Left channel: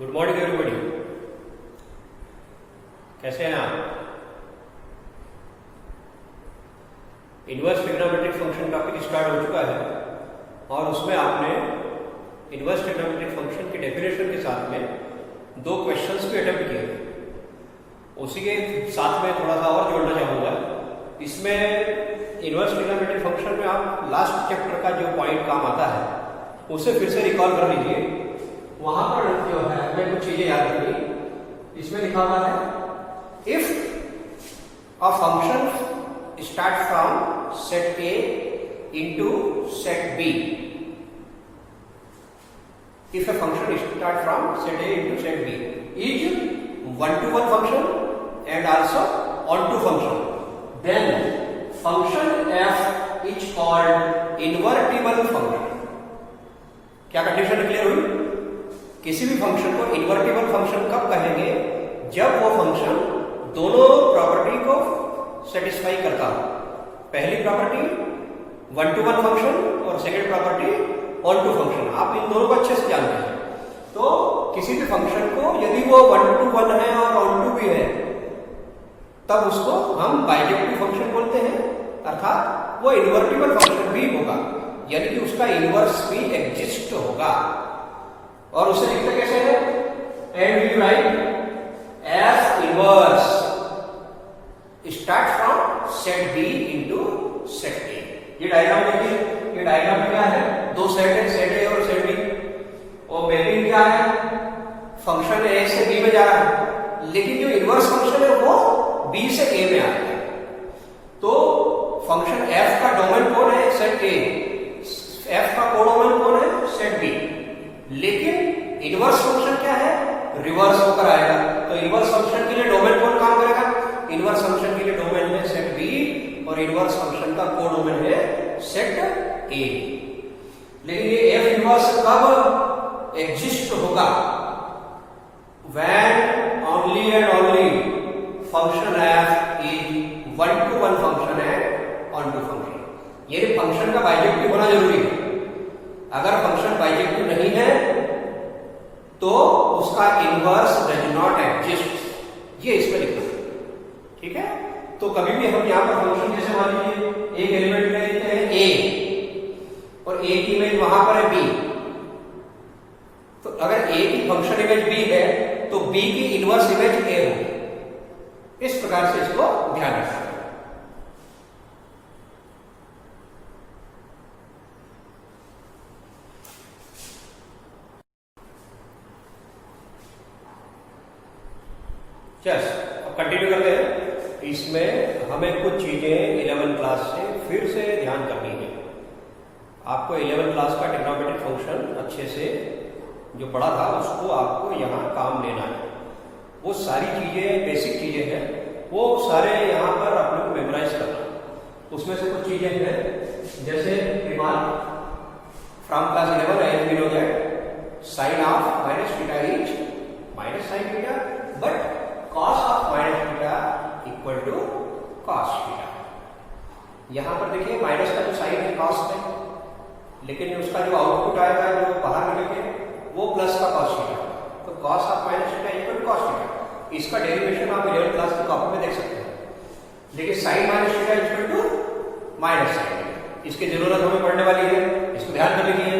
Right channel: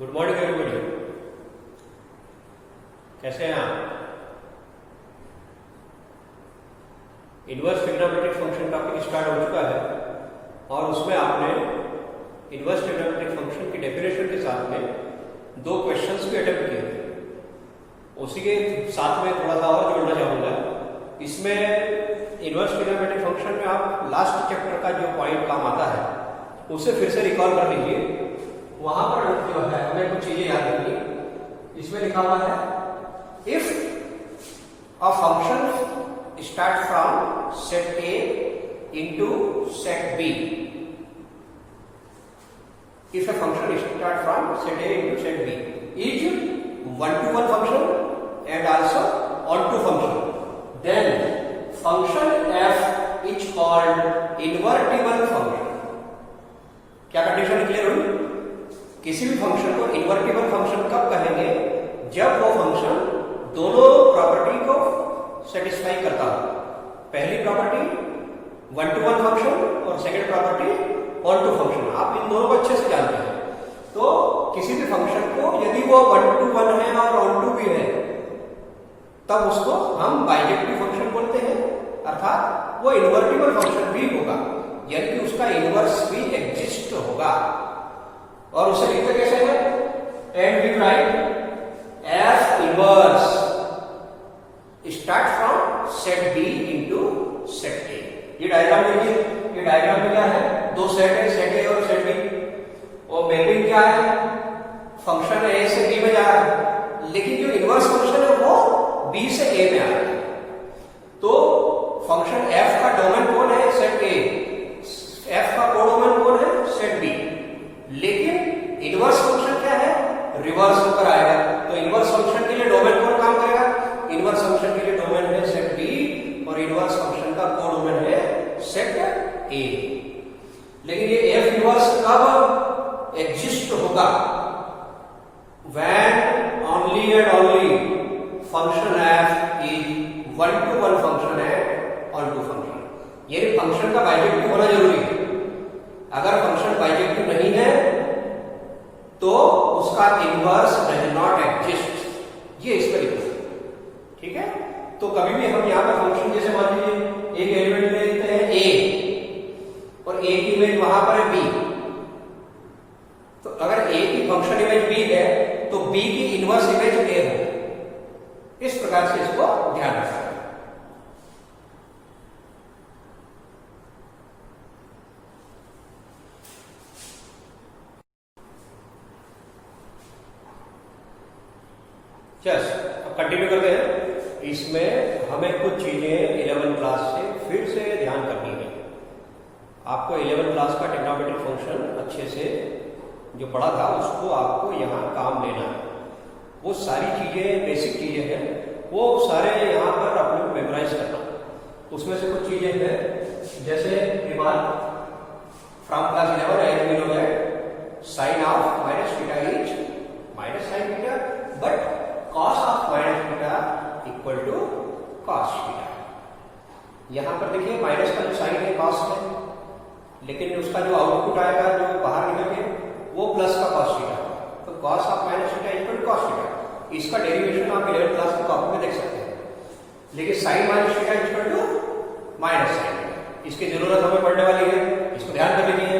Good morning everybody. कैसे हैं आप? Inverse trigonometric function topic start हो चुका है और उसमें आपने इनवर्स ट्रिग्नोमेट्रिक फंक्शन की डेफिनेशन के साथ में दो क्वेश्चंस भी अटेम्प्ट किए थे। उसी के साथ में थोड़ा सा और जोड़ना चाहूंगा। इसमें इनवर्स ट्रिग्नोमेट्रिक फंक्शन में आप लास्ट चैप्टर का जो पॉइंट काम आता है उसे फिर से रिकॉल कर लीजिए। वहां पर जो है हमें कुछ चीजें याद रखनी। इसमें लिखा हुआ है if a function start from set A into set B, if a function start from set A into set B is one-to-one function and also on-to function, then function f is called invertible function। क्या condition clear हुई? किसी भी function को invertible function कब कहेंगे? जब वो function दोनों प्रॉपर्टी को सेटिस्फाई करता हो। पहली property one to one function और second property onto function. आप इन दोनों को अच्छे से जानते हैं। तो किसी भी फंक्शन को यदि वो वन टू वन है और ऑन टू भी है तब उसको हम बाइजेक्टिव फंक्शन बोलते हैं, अर्थात वो इन्वर्टिबल फंक्शन भी होगा, यानी कि उसका इनवर्स भी एग्जिस्ट होगा। और उसे लिखते कैसे है? And we write f inverse start from set B into set A. ये डायग्राम देखिए। ये डायग्राम में क्या है? दो सेट है, सेट ए और सेट बी। और मैपिंग क्या है? फंक्शन ए से बी में जा रहा है, लेकिन जो इनवर्स फंक्शन है वो बी से ए में आ रहा है। तो फंक्शन एफ का डोमेन कौन है? Set A. एफ का कोडोमेन कौन है? Set B. लेकिन इनवर्स फंक्शन क्या है? रिवर्स होकर आएगा। तो इनवर्स फंक्शन के लिए डोमेन कौन काम करेगा? इनवर्स फंक्शन के लिए डोमेन है सेट बी और इनवर्स फंक्शन का कोडोमेन है सेट ए। लेकिन ये एफ इनवर्स कब एग्जिस्ट होगा? When only and only function F is one to one function है, ऑन टू फंक्शन। ये फंक्शन का बाइजेक्टिव होना जरूरी है। अगर फंक्शन बाइजेक्टिव नहीं है तो उसका इनवर्स डज नॉट एग्जिस्ट। ये इसमें लिखना है, ठीक है? तो कभी भी हम यहां पर फंक्शन जैसे मान लीजिए एक एलिमेंट ले लेते हैं ए और ए की इमेज वहां पर है बी। तो अगर ए की फंक्शन इमेज बी है तो बी की इनवर्स इमेज ए हो। इस प्रकार से इसको ध्यान रखना है। चल अब कंटिन्यू करते हैं। इसमें हमें कुछ चीजें 11 क्लास से फिर से ध्यान करनी है। आपको 11 क्लास का ट्रिग्नोमेट्रिक फंक्शन अच्छे से जो पढ़ा था उसको आपको यहाँ काम लेना है। वो सारी चीजें बेसिक चीजें हैं, वो सारे यहाँ पर अपने को मेमोराइज करना है। उसमें से कुछ चीजें हैं जैसे remark from class 11 I have know that sine of minus theta is minus sine theta, but cos of minus theta equal to cos theta. यहां पर देखिए माइनस का जो साइन है cos है, लेकिन उसका जो आउटपुट आएगा जो बाहर निकल के वो प्लस का cos थीटा। तो cos of minus theta equal to cos theta. इसका डेरिवेशन आप 11th क्लास की कॉपी में देख सकते हैं। लेकिन sine minus theta equal to minus sine, इसकी जरूरत हमें पड़ने वाली है, इसको ध्यान कर लीजिए।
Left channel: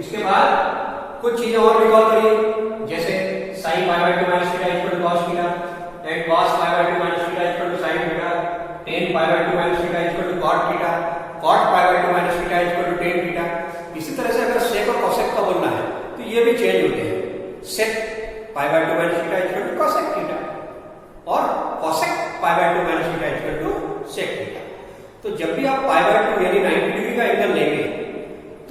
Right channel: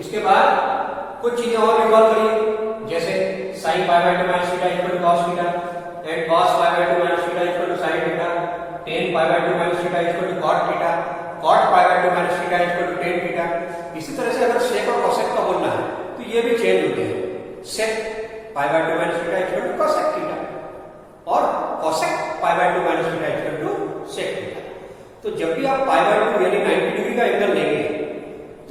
इसके बाद कुछ चीजें और रिकॉल करिए, जैसे sine pi by 2 minus theta equal to cos theta and cos pi by 2 minus theta equal to sin theta, tan pi by 2 minus theta equal to cot theta, cot pi by 2 minus theta equal to tan theta। इसी तरह से अगर sec और cosec का बोलना है तो ये भी चेंज होते हैं। sec pi by 2 minus theta equal to cosec theta और cosec pi by 2 minus theta equal to sec theta। तो जब भी आप pi by 2 यानी 90 डिग्री का एंगल लेंगे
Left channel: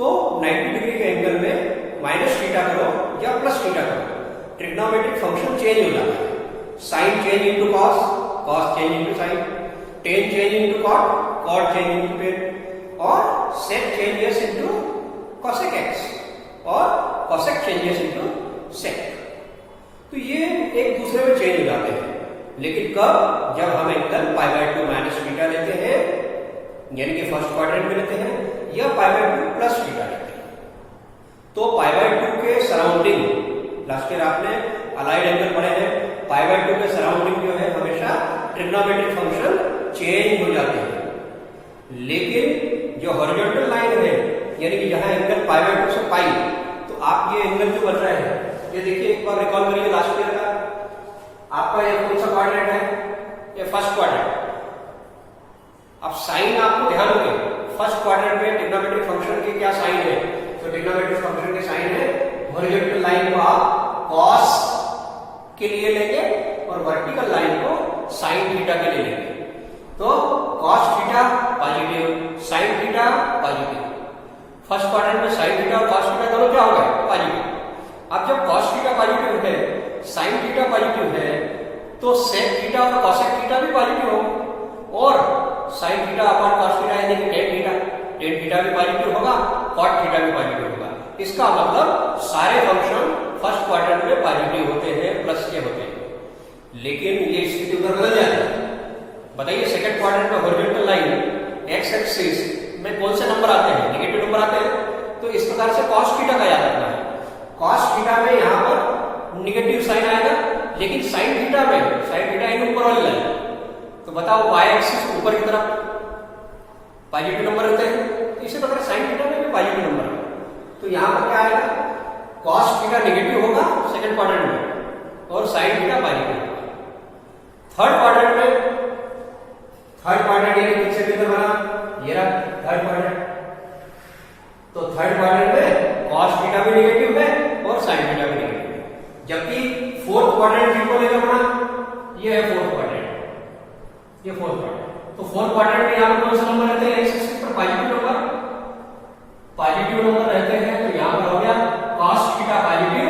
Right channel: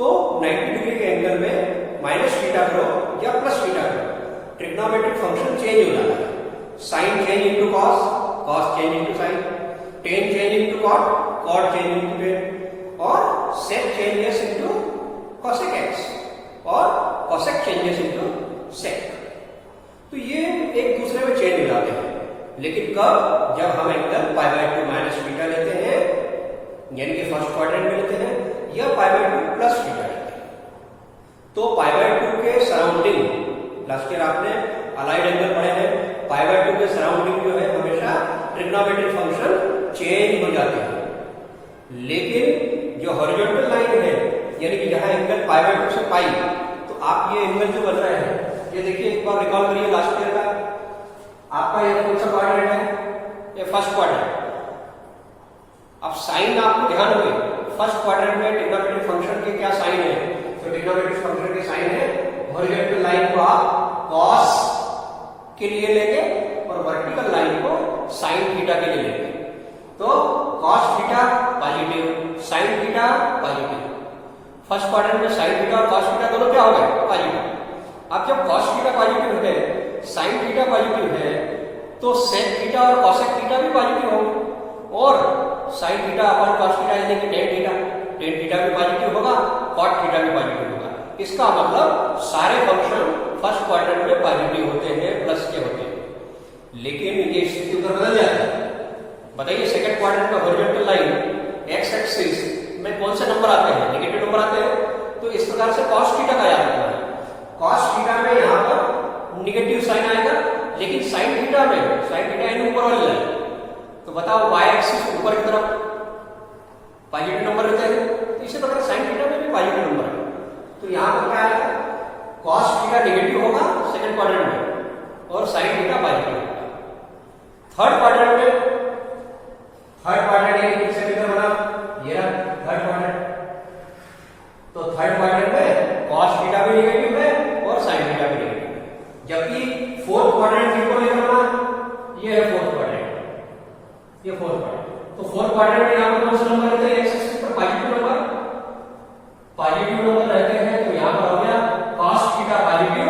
तो 90 डिग्री के एंगल में माइनस थीटा करो या प्लस थीटा करो, ट्रिग्नोमेट्रिक फंक्शन चेंज हो जाता है। Sine change into cos, cos change into sine, tan change into cot, cot change into tan, और sec changes into cosec x और कॉसेक चेंजेस इनटू सेक। तो ये एक दूसरे में चेंज हो जाते हैं। लेकिन कब? जब हम angle pi by 2 minus theta लेते हैं, यानी कि फर्स्ट क्वाड्रेंट में लेते हैं, या पाई बाय 2 प्लस थीटा लेते हैं। तो पाई बाय 2 के सराउंडिंग लास्ट ईयर आपने अलाइड एंगल पढ़े हैं, पाई बाय 2 के सराउंडिंग जो है हमेशा ट्रिग्नोमेट्रिक फंक्शन चेंज हो जाते हैं। लेकिन जो हॉरिजॉन्टल लाइन है, यानी कि जहां एंगल पाई बाय 2 से पाई, तो आप ये एंगल जो बन रहे हैं, ये देखिए एक बार रिकॉल करिए लास्ट ईयर का, आपका यह कौन सा क्वाड्रेंट है? ये फर्स्ट क्वाड्रेंट। अब साइन आपको ध्यान होंगे, फर्स्ट क्वाड्रेंट में ट्रिग्नोमेट्रिक फंक्शन के क्या साइन है? तो ट्रिग्नोमेट्रिक फंक्शन के साइन है, हॉरिजॉन्टल लाइन को आप कॉस के लिए लेंगे और वर्टिकल लाइन को साइन थीटा के लिए लेंगे। तो cos theta positive, sine theta positive. First quadrant में साइन थीटा और कॉस थीटा दोनों क्या हो गए? पॉजिटिव। अब जब कॉस थीटा पॉजिटिव है, साइन थीटा पॉजिटिव है, तो सेक थीटा और कॉसेक थीटा भी पॉजिटिव होंगे, और sine theta upon cos theta यानी कि टेन थीटा भी पॉजिटिव होगा, कॉट थीटा भी पॉजिटिव होगा। इसका मतलब सारे फंक्शन फर्स्ट क्वाड्रेंट में पॉजिटिव होते हैं, प्लस के होते हैं। लेकिन ये स्थिति उधर बदल जाती है। बताइए सेकंड क्वाड्रेंट में हॉरिजॉन्टल लाइन एक्स एक्सिस में कौन से नंबर आते हैं? नेगेटिव नंबर आते हैं। तो इस प्रकार से कॉस थीटा का याद रखना है। कॉस थीटा में यहां पर निगेटिव साइन आएगा, लेकिन साइन थीटा में, साइन थीटा यानी ऊपर वाली लाइन, तो बताओ वाई एक्सिस ऊपर की तरफ पॉजिटिव नंबर रहते हैं, तो इसी प्रकार साइन थीटा में भी पॉजिटिव नंबर है। तो यहां पर क्या आएगा? कॉस थीटा निगेटिव होगा सेकंड क्वाड्रेंट में, और साइन थीटा पॉजिटिव होगा। थर्ड क्वाड्रेंट में, थर्ड क्वाड्रेंट यानी किससे फिगर बना? ये रहा थर्ड क्वाड्रेंट। तो थर्ड क्वाड्रेंट में कॉस थीटा भी निगेटिव है और साइन थीटा भी निगेटिव है। जबकि फोर्थ क्वाड्रेंट किसको लेकर बना? ये है फोर्थ क्वाड्रेंट, ये फोर्थ क्वाड्रेंट। तो फोर्थ क्वाड्रेंट में यहां पर कौन से नंबर रहते हैं? एक्स एक्सिस पर पॉजिटिव नंबर, पॉजिटिव नंबर रहते हैं। तो यहां पर हो गया कॉस थीटा पॉजिटिव,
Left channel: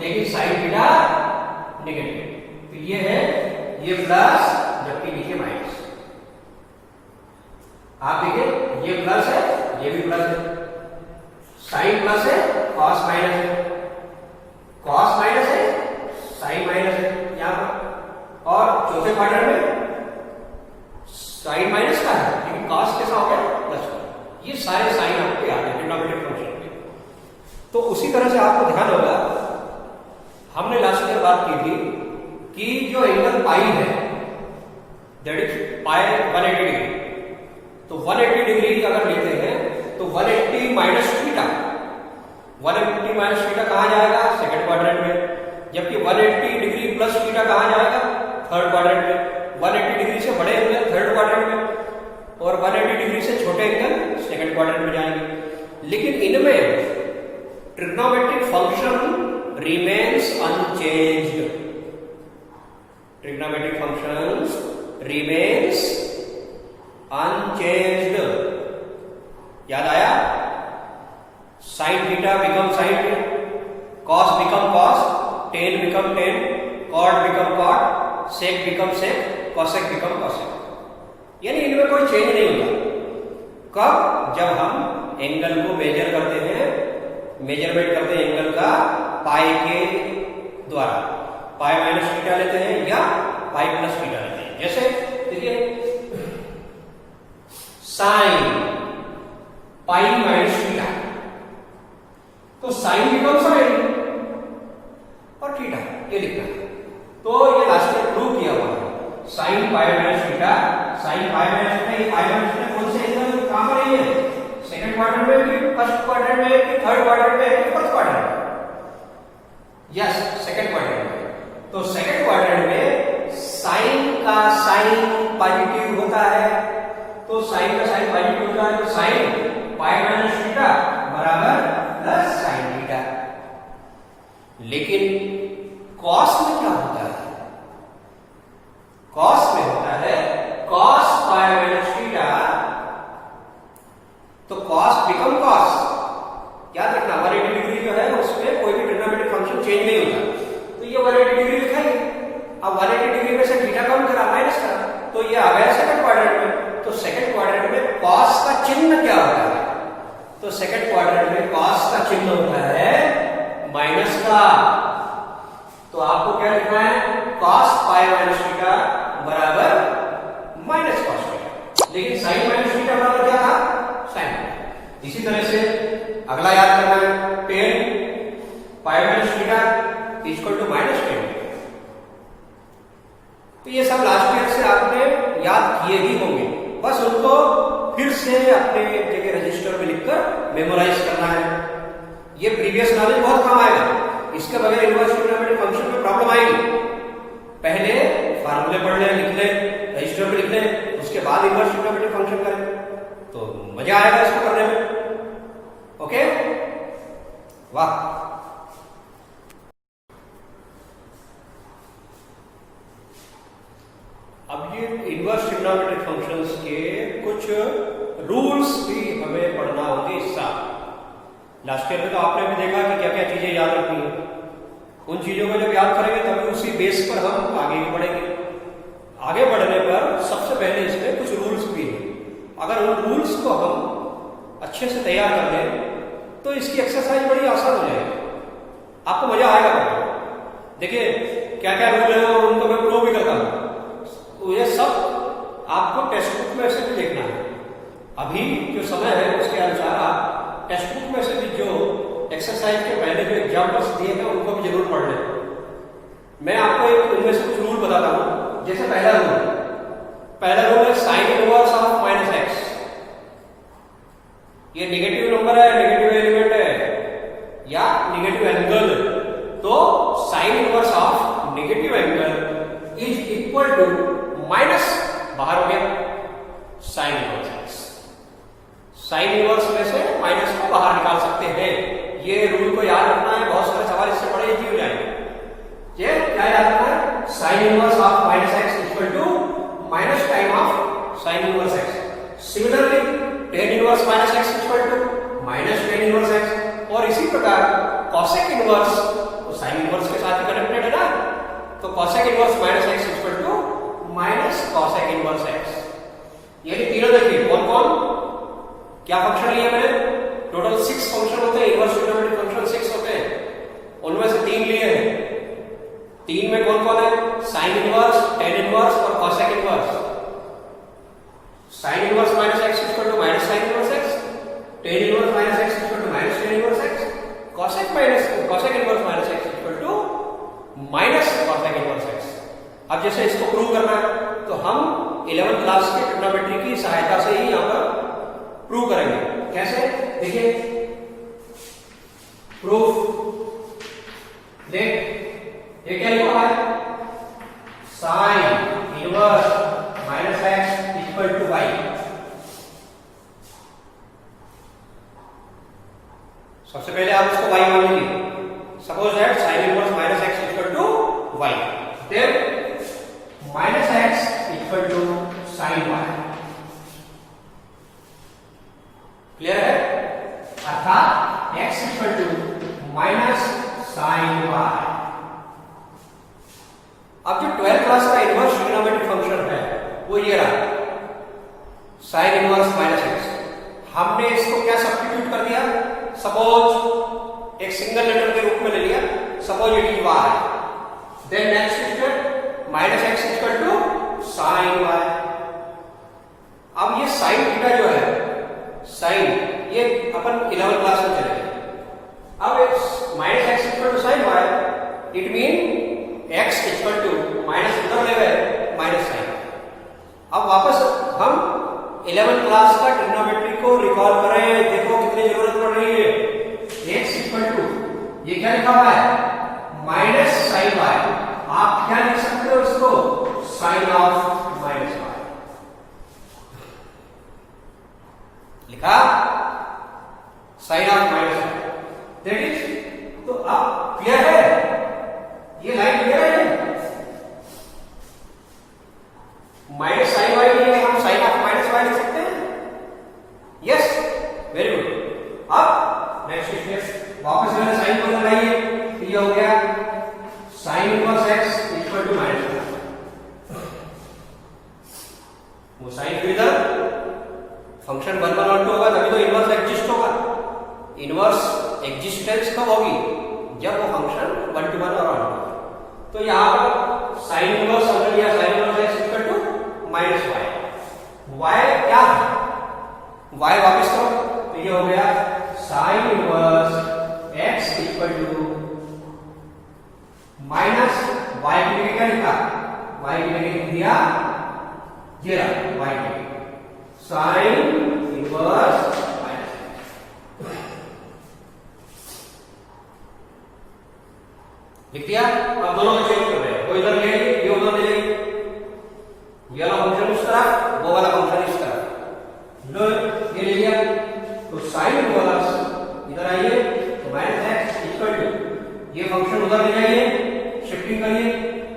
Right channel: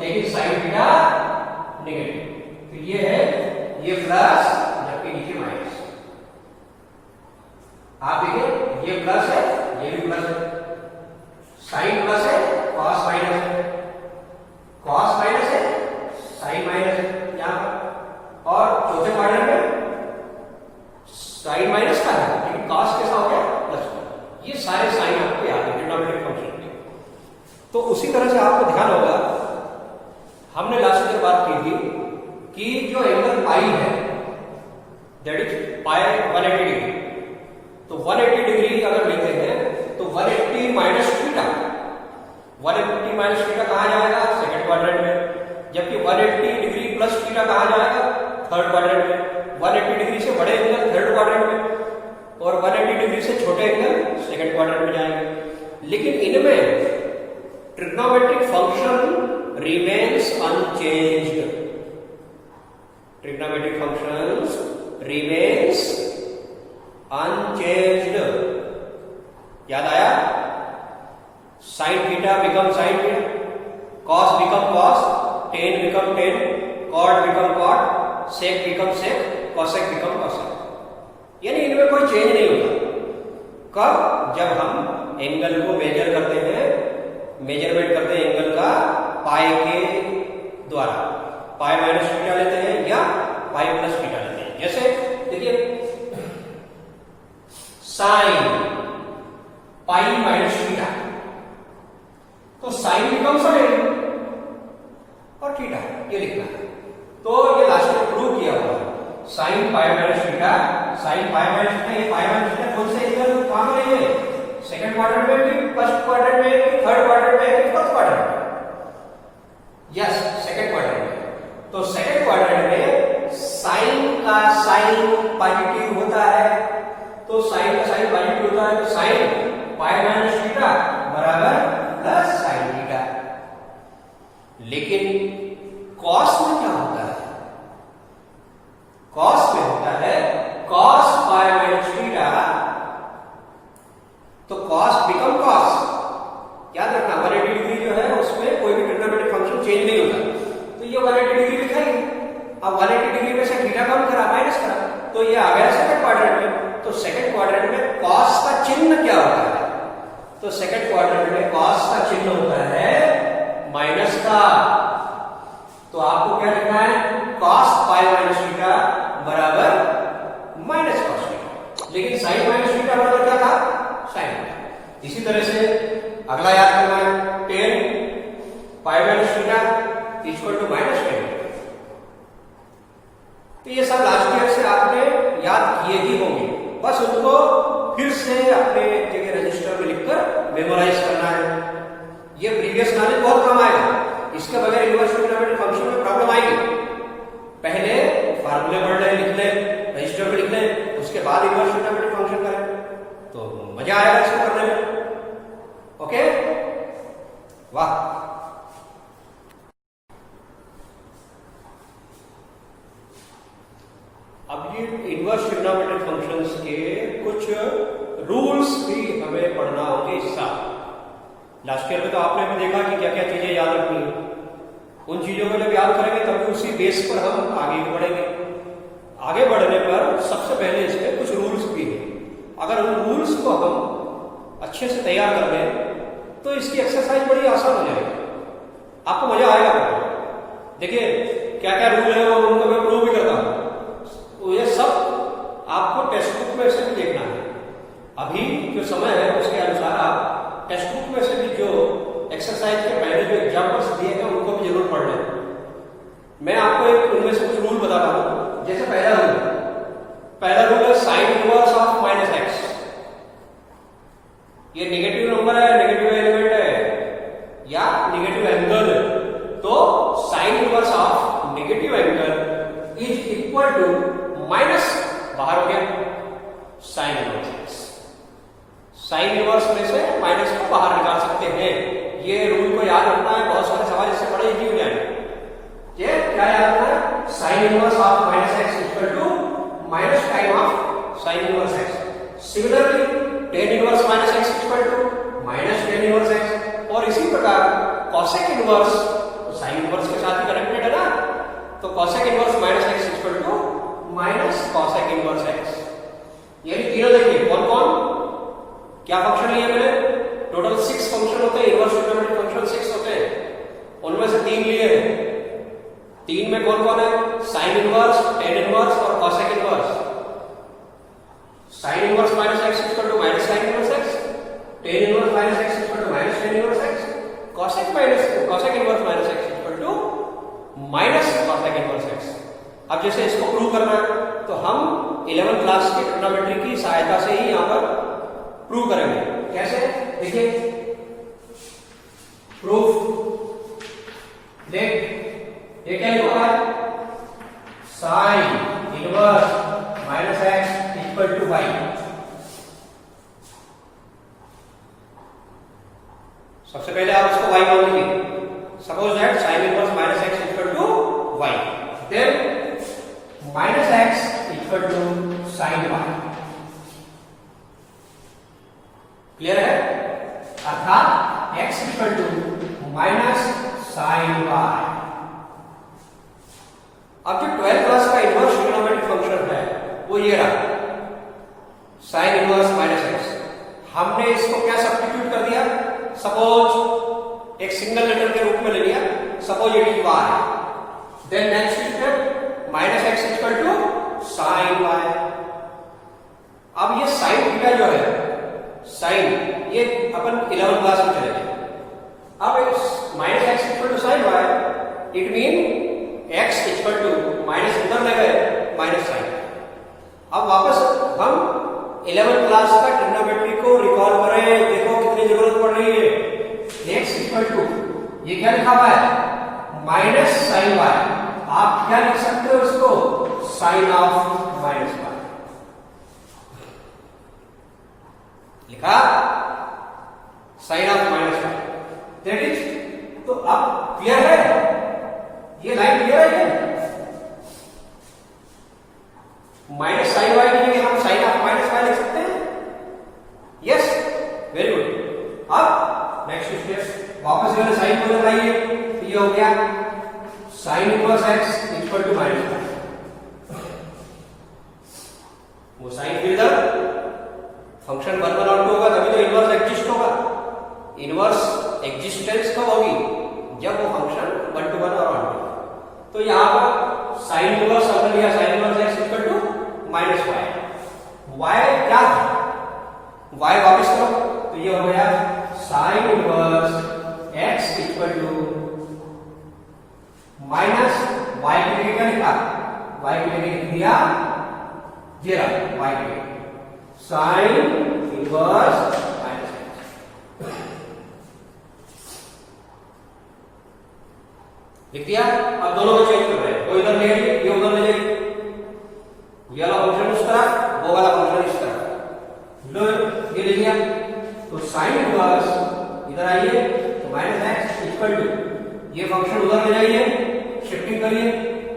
लेकिन साइन थीटा नेगेटिव। तो ये है, ये प्लस, जबकि नीचे माइनस। आप देखिए ये प्लस है, ये भी प्लस है, साइन प्लस है, कॉस माइनस है, कॉस माइनस है, साइन माइनस है यहां पर। और चौथे क्वाड्रेंट में साइन माइनस का है, लेकिन कॉस कैसा हो गया? प्लस का। ये सारे साइन आपको याद है ट्रिग्नोमेट्रिक फंक्शन के। तो उसी तरह से आपको ध्यान होगा, हमने लास्ट ईयर बात की थी कि जो एंगल पाई है, दैट इज पाई 180 डिग्री। तो 180 डिग्री अगर लेते हैं तो 180 माइनस थीटा, 180 माइनस थीटा कहां जाएगा? सेकंड क्वाड्रेंट में। जबकि 180 डिग्री प्लस थीटा कहां जाएगा? थर्ड क्वाड्रेंट में। 180 डिग्री से बड़े एंगल थर्ड क्वाड्रेंट में, और 180 डिग्री से छोटे एंगल सेकंड क्वाड्रेंट में जाएंगे। लेकिन इनमें trigonometric function remains unchanged. Trigonometric functions remains unchanged. याद आया? Sine theta become sine theta, cos become cos, tan become tan, cot become cot, sec become sec, cosec become cosec. यानी इनमें कोई change नहीं होता। कब? जब हम एंगल को मेजर करते हैं, मेजरमेंट करते हैं एंगल का पाई के द्वारा। पाई माइनस थीटा लेते हैं या पाई प्लस थीटा लेते हैं। जैसे देखिए साइन पाई माइनस थीटा, तो साइन बिकम साइन और थीटा, ये लिखना है। तो ये लास्ट में प्रूव किया हुआ है। Sine pi minus theta, sine pi minus theta, ये पाई माइनस थीटा कौन से एंगल कहां पर है? सेकंड क्वाड्रेंट में कि फर्स्ट क्वाड्रेंट में कि थर्ड क्वाड्रेंट में कि फोर्थ क्वाड्रेंट में? यस, सेकंड क्वाड्रेंट में। तो सेकंड क्वाड्रेंट में साइन का साइन पॉजिटिव होता है, तो साइन का साइन पॉजिटिव होता है, तो साइन पाई माइनस थीटा बराबर प्लस साइन थीटा। लेकिन कॉस में क्या होता है? कॉस में होता है कॉस पाई माइनस थीटा, तो कॉस बिकम कॉस। याद रखना 180 डिग्री जो है उसमें कोई भी ट्रिग्नोमेट्रिक फंक्शन चेंज नहीं होता। तो ये 180 डिग्री लिखा ही। अब 180 डिग्री में से थीटा कम करा, माइनस करा, तो ये आ गया सेकंड क्वाड्रेंट में। तो सेकंड क्वाड्रेंट में कॉस का चिन्ह क्या होता है? तो सेकंड क्वाड्रेंट में कॉस का चिन्ह होता है माइनस का। तो आपको क्या लिखना है? कॉस पाई माइनस थीटा बराबर माइनस कॉस थीटा। लेकिन साइन माइनस थीटा बराबर क्या था? साइन। इसी तरह से अगला याद करना है, tan pi minus theta equal to minus tan. ये ही होंगे, बस उनको फिर से अपने जगह रजिस्टर में लिखकर मेमोराइज करना है। ये प्रीवियस नॉलेज बहुत काम आएगा, इसके बगैर इनवर्स ट्रिग्नोमेट्रिक फंक्शन में प्रॉब्लम आएगी। पहले फार्मूले पढ़ लें, लिख लें, रजिस्टर में लिख लें, उसके बाद इनवर्स ट्रिग्नोमेट्रिक फंक्शन करें तो मजा आएगा इसको करने में। ओके, वाह। अब ये इनवर्स ट्रिग्नोमेट्रिक फंक्शंस के कुछ रूल्स भी हमें पढ़ना होंगे इस साल। लास्ट ईयर में तो आपने भी देखा कि क्या क्या चीजें याद रखनी है। उन चीजों को जब याद करेंगे तभी उसी बेस पर हम आगे भी बढ़ेंगे। आगे बढ़ने पर सबसे पहले इसमें कुछ रूल्स भी हैं। अगर उन रूल्स को हम अच्छे से तैयार कर लें तो इसकी एक्सरसाइज बड़ी आसान हो जाएगी, आपको मजा आएगा पढ़ने में। देखिए क्या क्या रूल है और उनको मैं प्रूव भी करता हूं, ये सब आपको टेक्स्ट बुक में से भी देखना है। अभी जो समय है उसके अनुसार आप टेक्स्ट बुक में से भी जो एक्सरसाइज के पहले जो एग्जाम्पल्स दिए हैं उनको भी जरूर पढ़ लें। मैं आपको एक उनमें से कुछ रूल बताता हूं। जैसे पहला रूल है sine inverse of minus x. ये नेगेटिव नंबर है, नेगेटिव एलिमेंट है या नेगेटिव एंगल है, तो sine inverse of negative angle is equal to minus, बाहर हो गया sine inverse x. Sine inverse में से माइनस को बाहर निकाल सकते हैं। ये रूल को याद रखना है, बहुत सारे सवाल इससे बड़े इजी हो जाएंगे। ये क्या याद रखना है? Sine inverse of minus x equal to minus time of sine inverse x. Similarly tan inverse minus x equal to minus tan inverse x. और इसी प्रकार कॉसेक इनवर्स तो साइन इनवर्स के साथ ही कनेक्टेड है ना, तो cosec inverse minus x equal to minus cosec inverse x. यानी तीनों देखिए कौन कौन क्या फंक्शन लिए मैंने, टोटल 6 फंक्शन होते हैं, इनवर्स ट्रिग्नोमेट्रिक फंक्शन 6 होते हैं, उनमें से 3 लिए हैं। 3 में कौन कौन है? साइन इनवर्स, टेन इनवर्स और cosec inverse. Sine inverse minus x equal to minus sine inverse x, tan inverse minus x equal to minus tan inverse x, cosec inverse minus x equal to minus cosec inverse x. अब जैसे इसको prove करना है तो हम 11th class की trigonometry की सहायता से ही यहां पर प्रूव करेंगे। कैसे? देखिए प्रूफ देख, ये क्या लिखा है? Sine inverse minus x equal to y. सबसे पहले आप इसको y मान लीजिए। Suppose that sine inverse minus x equal to y, then minus x equal to sine y. Clear है? अर्थात x equal to minus sine y. अब जो 12th क्लास का इनवर्स ट्रिग्नोमेट्रिक फंक्शन है वो ये रहा, साइन इनवर्स माइनस एक्स। हमने इसको क्या सब्स्टिट्यूट कर दिया? सपोज एक सिंगल लेटर के रूप में ले लिया, suppose it is y. Then next step minus x equal to sine y. अब ये साइन थीटा जो है, साइन, ये अपन 11th क्लास में चले गए। अब minus x equal to sine y, it mean x equal to minus उधर ले गए माइनस साइन। अब वापस हम 11th क्लास का ट्रिग्नोमेट्री को रिकॉल करें, देखो कितनी जरूरत पड़ रही है। एक्स इक्वल टू, ये क्या लिखा हुआ है? Minus sine y. आप क्या लिख सकते हो इसको? साइन ऑफ माइनस वाई लिखा, sine of minus y, that is. तो अब क्लियर है, ये लाइन क्लियर है? माइनस साइन वाई के लिए हम साइन ऑफ माइनस वाई लिख सकते हैं। Yes, very good. अब नेक्स्ट स्टेप वापस जो है साइन को लगाइए, ये हो गया sine inverse x equal to minus y. वो साइन फिर इधर फंक्शन 1 1 और 2 होगा, तभी तो इनवर्स एग्जिस्ट होगा। इनवर्स एग्जिस्टेंस कब होगी? जब वो फंक्शन 1 to 1 और 1 to 1। तो यहां पर साइन इनवर्स हमने लिया, sine inverse x equal to minus y. Y क्या है? वाई वापस करो तो ये हो गया sine inverse x equal to minus y की जगह क्या लिखा? वाई की जगह दिया ये रहा वाई साइन इनवर्स माइनस लिख दिया। अब दोनों को चेंज कर रहे हैं, वो इधर ले आइए, ये उधर ले जाइए, ये वाला फंक्शन उस तरफ, वो वाला फंक्शन इस तरफ, लो ये ले लिया। तो साइन इनवर्स इधर आइए तो माइनस एक्स इक्वल टू ये फंक्शन उधर ले जाइए, शिफ्टिंग करिए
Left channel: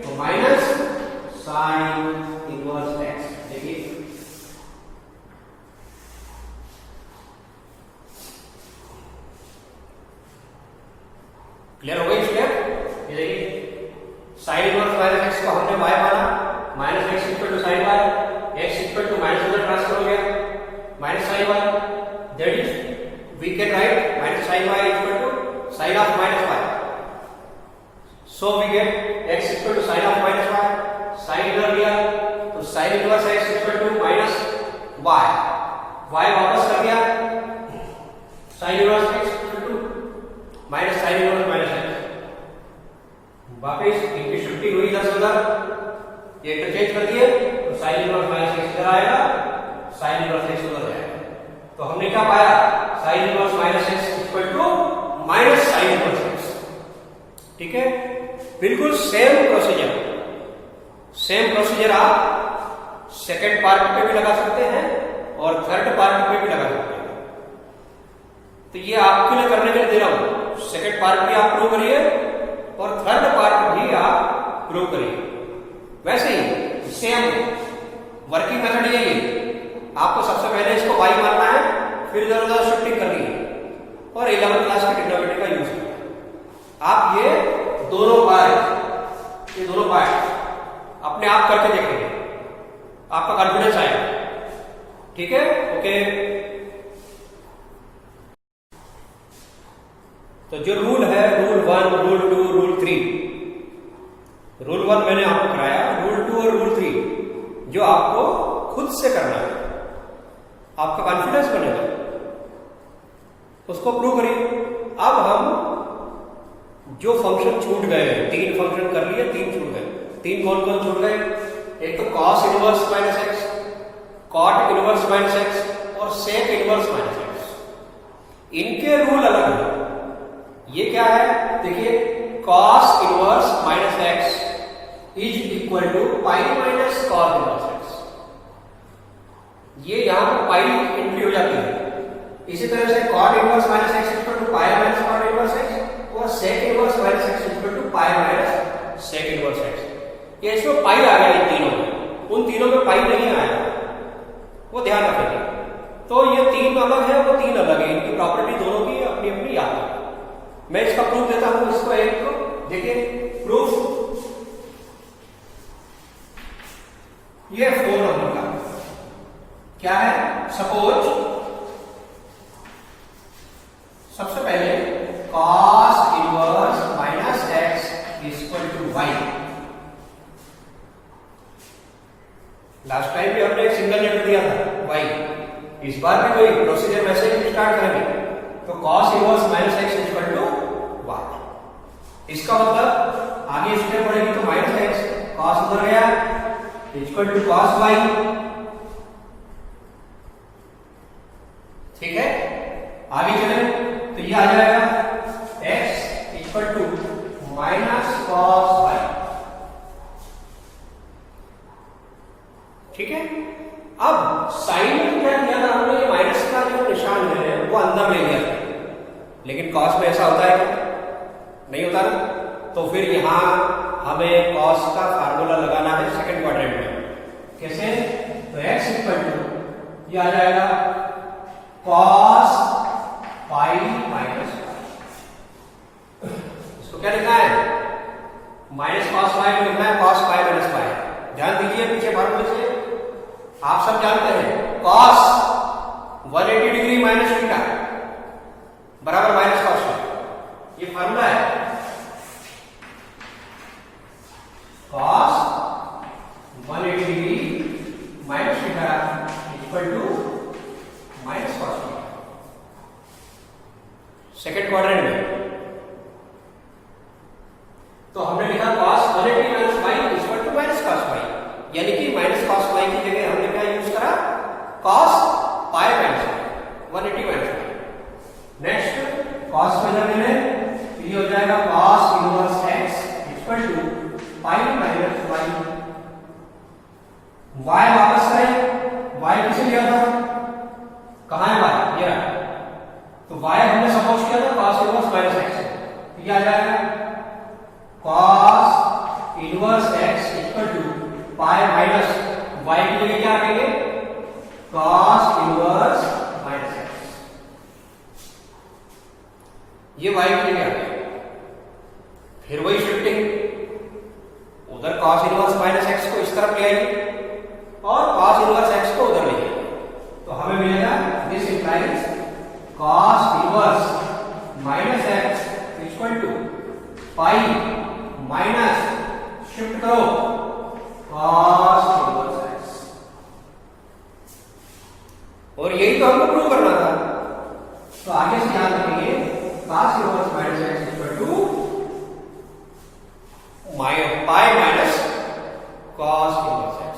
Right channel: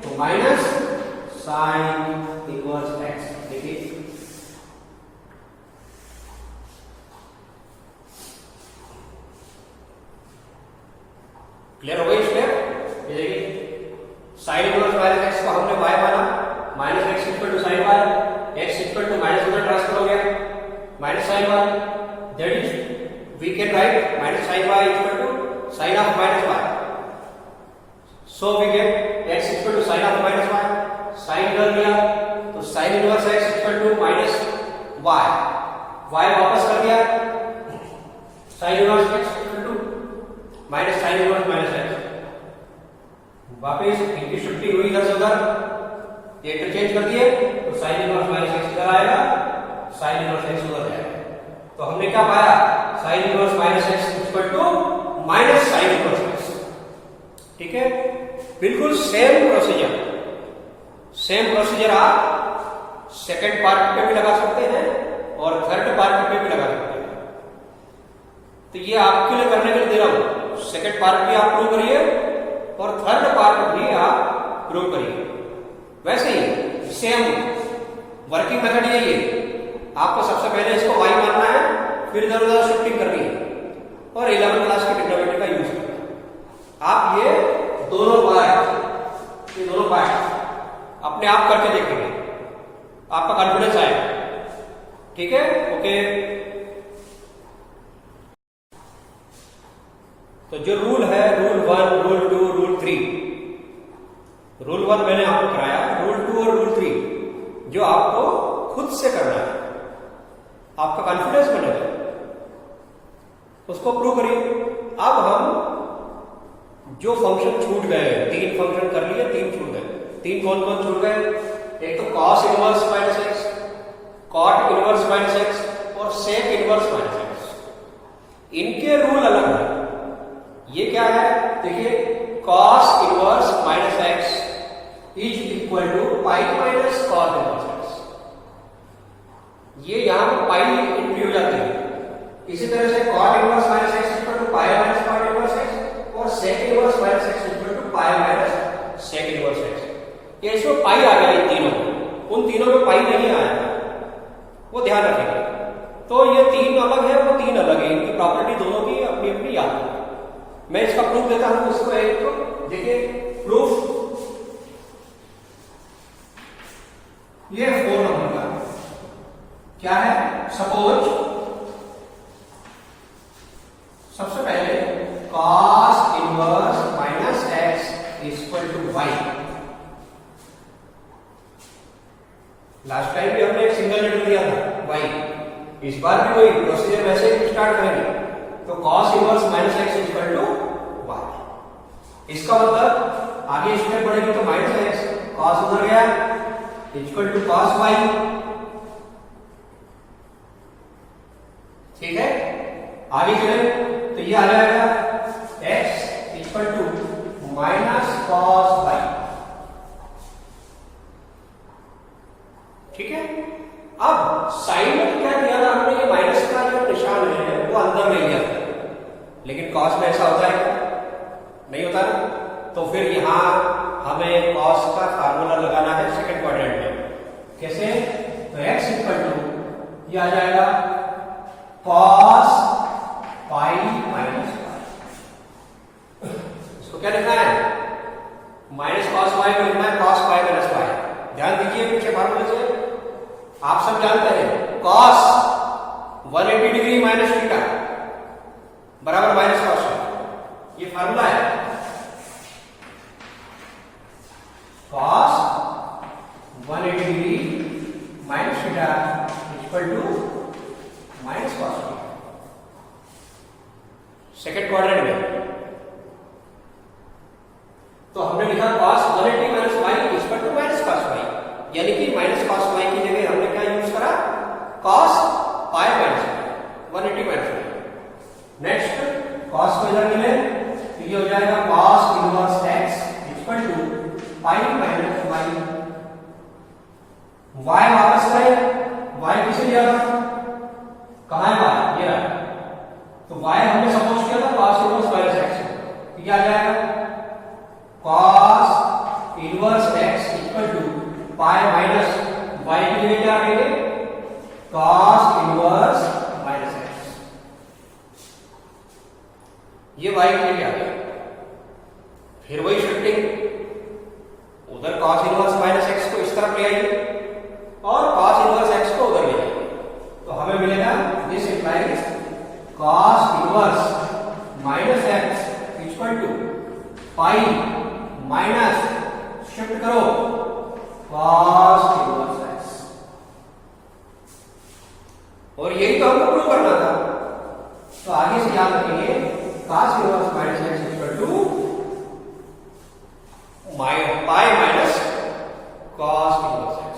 तो माइनस साइन इनवर्स एक्स। देखिए क्लियर हो गई स्टेप। ये देखिए साइन इनवर्स माइनस एक्स को हमने y माना, minus x equal to sine y, x equal to minus उधर ट्रांसफर हो गया minus sine y, that is we can write minus sine y equal to sine of minus y, so we get x equal to sine of minus y, sine इधर लिया तो sine inverse x equal to minus y, y वापस कर दिया sine inverse x equal to minus sine inverse minus x, वापिस इनकी shifting हुई इधर से उधर, ये इंटरचेंज कर दिए तो साइन इनवर्स माइनस एक्स इधर आएगा, साइन इनवर्स एक्स उधर जाएगा। तो हमने क्या पाया, sine inverse minus x equal to minus sine inverse x. ठीक है, बिल्कुल सेम प्रोसीजर आप सेकंड पार्ट पे भी लगा सकते हैं और थर्ड पार्ट पे भी लगा सकते हैं। तो ये आपके लिए करने के लिए दे रहा हूं, सेकंड पार्ट भी आप प्रूव करिए और थर्ड पार्ट भी आप प्रूव करिए। वैसे ही सेम वर्किंग मेथड यही है, आपको सबसे पहले इसको y मानना है, फिर इधर उधर शिफ्टिंग करनी है और 11th क्लास के ट्रिग्नोमेट्री का यूज करना है। आप ये दोनों पार्ट अपने आप करके देखेंगे, आपका कॉन्फिडेंस आएगा। ठीक है, ओके। तो जो रूल है, रूल 1, रूल 2, रूल 3, रूल 1 मैंने आपको कराया, रूल 2 और रूल 3 जो आपको खुद से करना है, आपका कॉन्फिडेंस बनेगा, उसको प्रूव करिए। अब हम जो फंक्शन छूट गए, 3 फंक्शन कर लिए, 3 छूट गए। 3 कौन कौन छूट गए, एक तो cos inverse minus x, cot inverse minus x और सेक इनवर्स माइनस एक्स। इनके रूल अलग है। ये क्या है, देखिए cos inverse minus x is equal to pi minus cos inverse x. ये यहां पर पाई एंट्री हो जाती है। इसी तरह से cot inverse minus x equal to pi minus cot inverse x और sec inverse minus x equal to pi minus sec inverse x. ये इसमें पाई आ गया इन तीनों में, उन तीनों में पाई नहीं आया, वो ध्यान रखेंगे। तो ये 3 अलग है, वो 3 अलग है, इनकी प्रॉपर्टी दोनों की अपनी अपनी याद है। मैं इसका प्रूफ देता हूं, इसको एक तो देखिए प्रूफ, ये 4 नंबर का क्या है, सपोज सबसे पहले cos inverse minus x equal to y. Last time भी हमने एक सिंगल लेटर दिया था वाई, इस बार भी वही प्रोसीजर वैसे ही स्टार्ट करेंगे। तो cos inverse minus x equal to y, इसका मतलब आगे स्टेप बढ़ेगी तो माइनस एक्स, cos उधर गया इक्वल टू cos वाई। ठीक है, आगे चले तो ये आ जाएगा x equal to minus cos y. ठीक है, अब साइन में क्या किया था हमने, ये माइनस का जो निशान है वो अंदर ले लिया था, लेकिन कॉस में ऐसा होता है नहीं होता ना। तो फिर यहां हमें कॉस का फार्मूला लगाना है सेकंड क्वाड्रेंट में। कैसे, तो x इक्वल टू ये आ जाएगा कॉस पाई माइनस वाई। इसको क्या लिखना है, माइनस कॉस वाई को लिखना है कॉस पाई माइनस वाई। ध्यान दीजिए पीछे फार्मूले से, आप सब जानते हैं कॉस 180 डिग्री माइनस थीटा बराबर माइनस कॉस वाई, ये फार्मूला है। Cos 180 degree minus theta equal to minus cos y second quadrant में। तो हमने लिखा cos 180 minus y equal to minus cos y. यानी कि माइनस कॉस वाई की जगह हमने क्या यूज करा, cos pi minus 180 minus y. Next cos को इधर ले तो ये हो जाएगा cos inverse x equal to pi minus y. Y वापस करें, वाई किसे लिया था, कहां है वाई, ये रहा। तो वाई हमने सपोज किया था कॉस इनवर्स माइनस एक्स, तो क्या आ जाएगा cos inverse x equal to pi minus y की जगह क्या रखेंगे, कॉस इनवर्स माइनस एक्स। ये वाई की जगह आ गया। फिर वही शिफ्टिंग, उधर कॉस इनवर्स माइनस एक्स को इस तरफ ले आइए और cos इनवर्स x को उधर ले जाइए, तो हमें मिलेगा this implies cos inverse minus x equal to pi minus shift करो cos इनवर्स x। और यही तो हमको प्रूव करना था, तो आगे से याद रखेंगे cos inverse minus x equal to pi minus cos inverse x।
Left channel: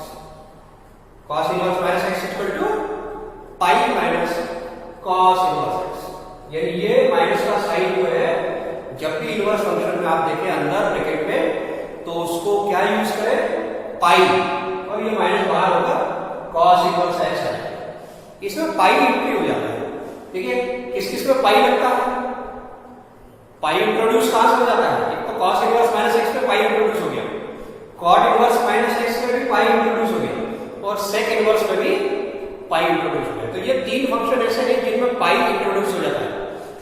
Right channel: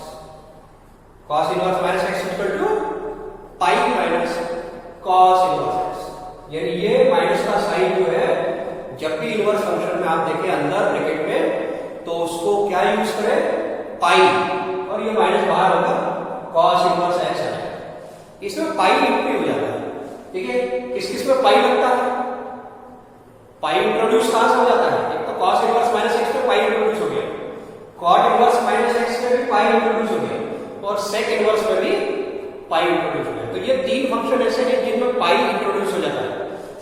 cos inverse minus x equal to pi minus cos inverse x. यानी ये माइनस का साइन जो है, जब भी इनवर्स फंक्शन में आप देखें अंदर ब्रैकेट में, तो उसको क्या यूज करें, पाई, और ये माइनस बाहर होगा cos इनवर्स एक्स आ जाएगा। इसमें पाई एंट्री हो जाता है, ठीक है। किस किस में पाई लगता है, पाई इंट्रोड्यूस कहां से हो जाता है, एक तो cos इनवर्स माइनस एक्स में पाई इंट्रोड्यूस हो गया, cot इनवर्स माइनस एक्स में भी पाई इंट्रोड्यूस हो गया, और सेक इनवर्स में भी पाई इंट्रोड्यूस हुआ है। तो ये तीन फंक्शन ऐसे हैं जिनमें पाई इंट्रोड्यूस हो जाता है,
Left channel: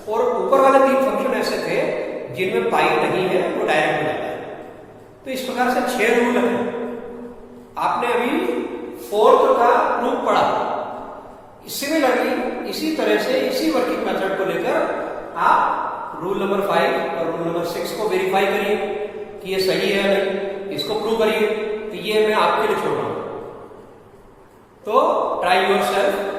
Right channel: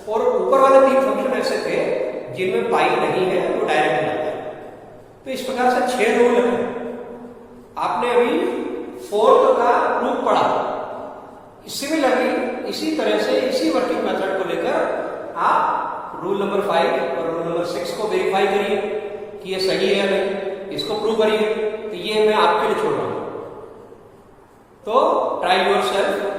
और ऊपर वाले तीन फंक्शन ऐसे थे जिनमें पाई नहीं है, वो डायरेक्ट हो जाता है। तो इस प्रकार से 6 रूल है। आपने अभी फोर्थ का प्रूफ पढ़ा। सिमिलरली इसी तरह से इसी वर्किंग मेथड को लेकर आप रूल नंबर 5 और रूल नंबर 6 को वेरीफाई करिए कि ये सही है या नहीं, इसको प्रूव करिए। तो ये मैं आपके लिए छोड़ रहा हूं, तो ट्राई योर सेल्फ।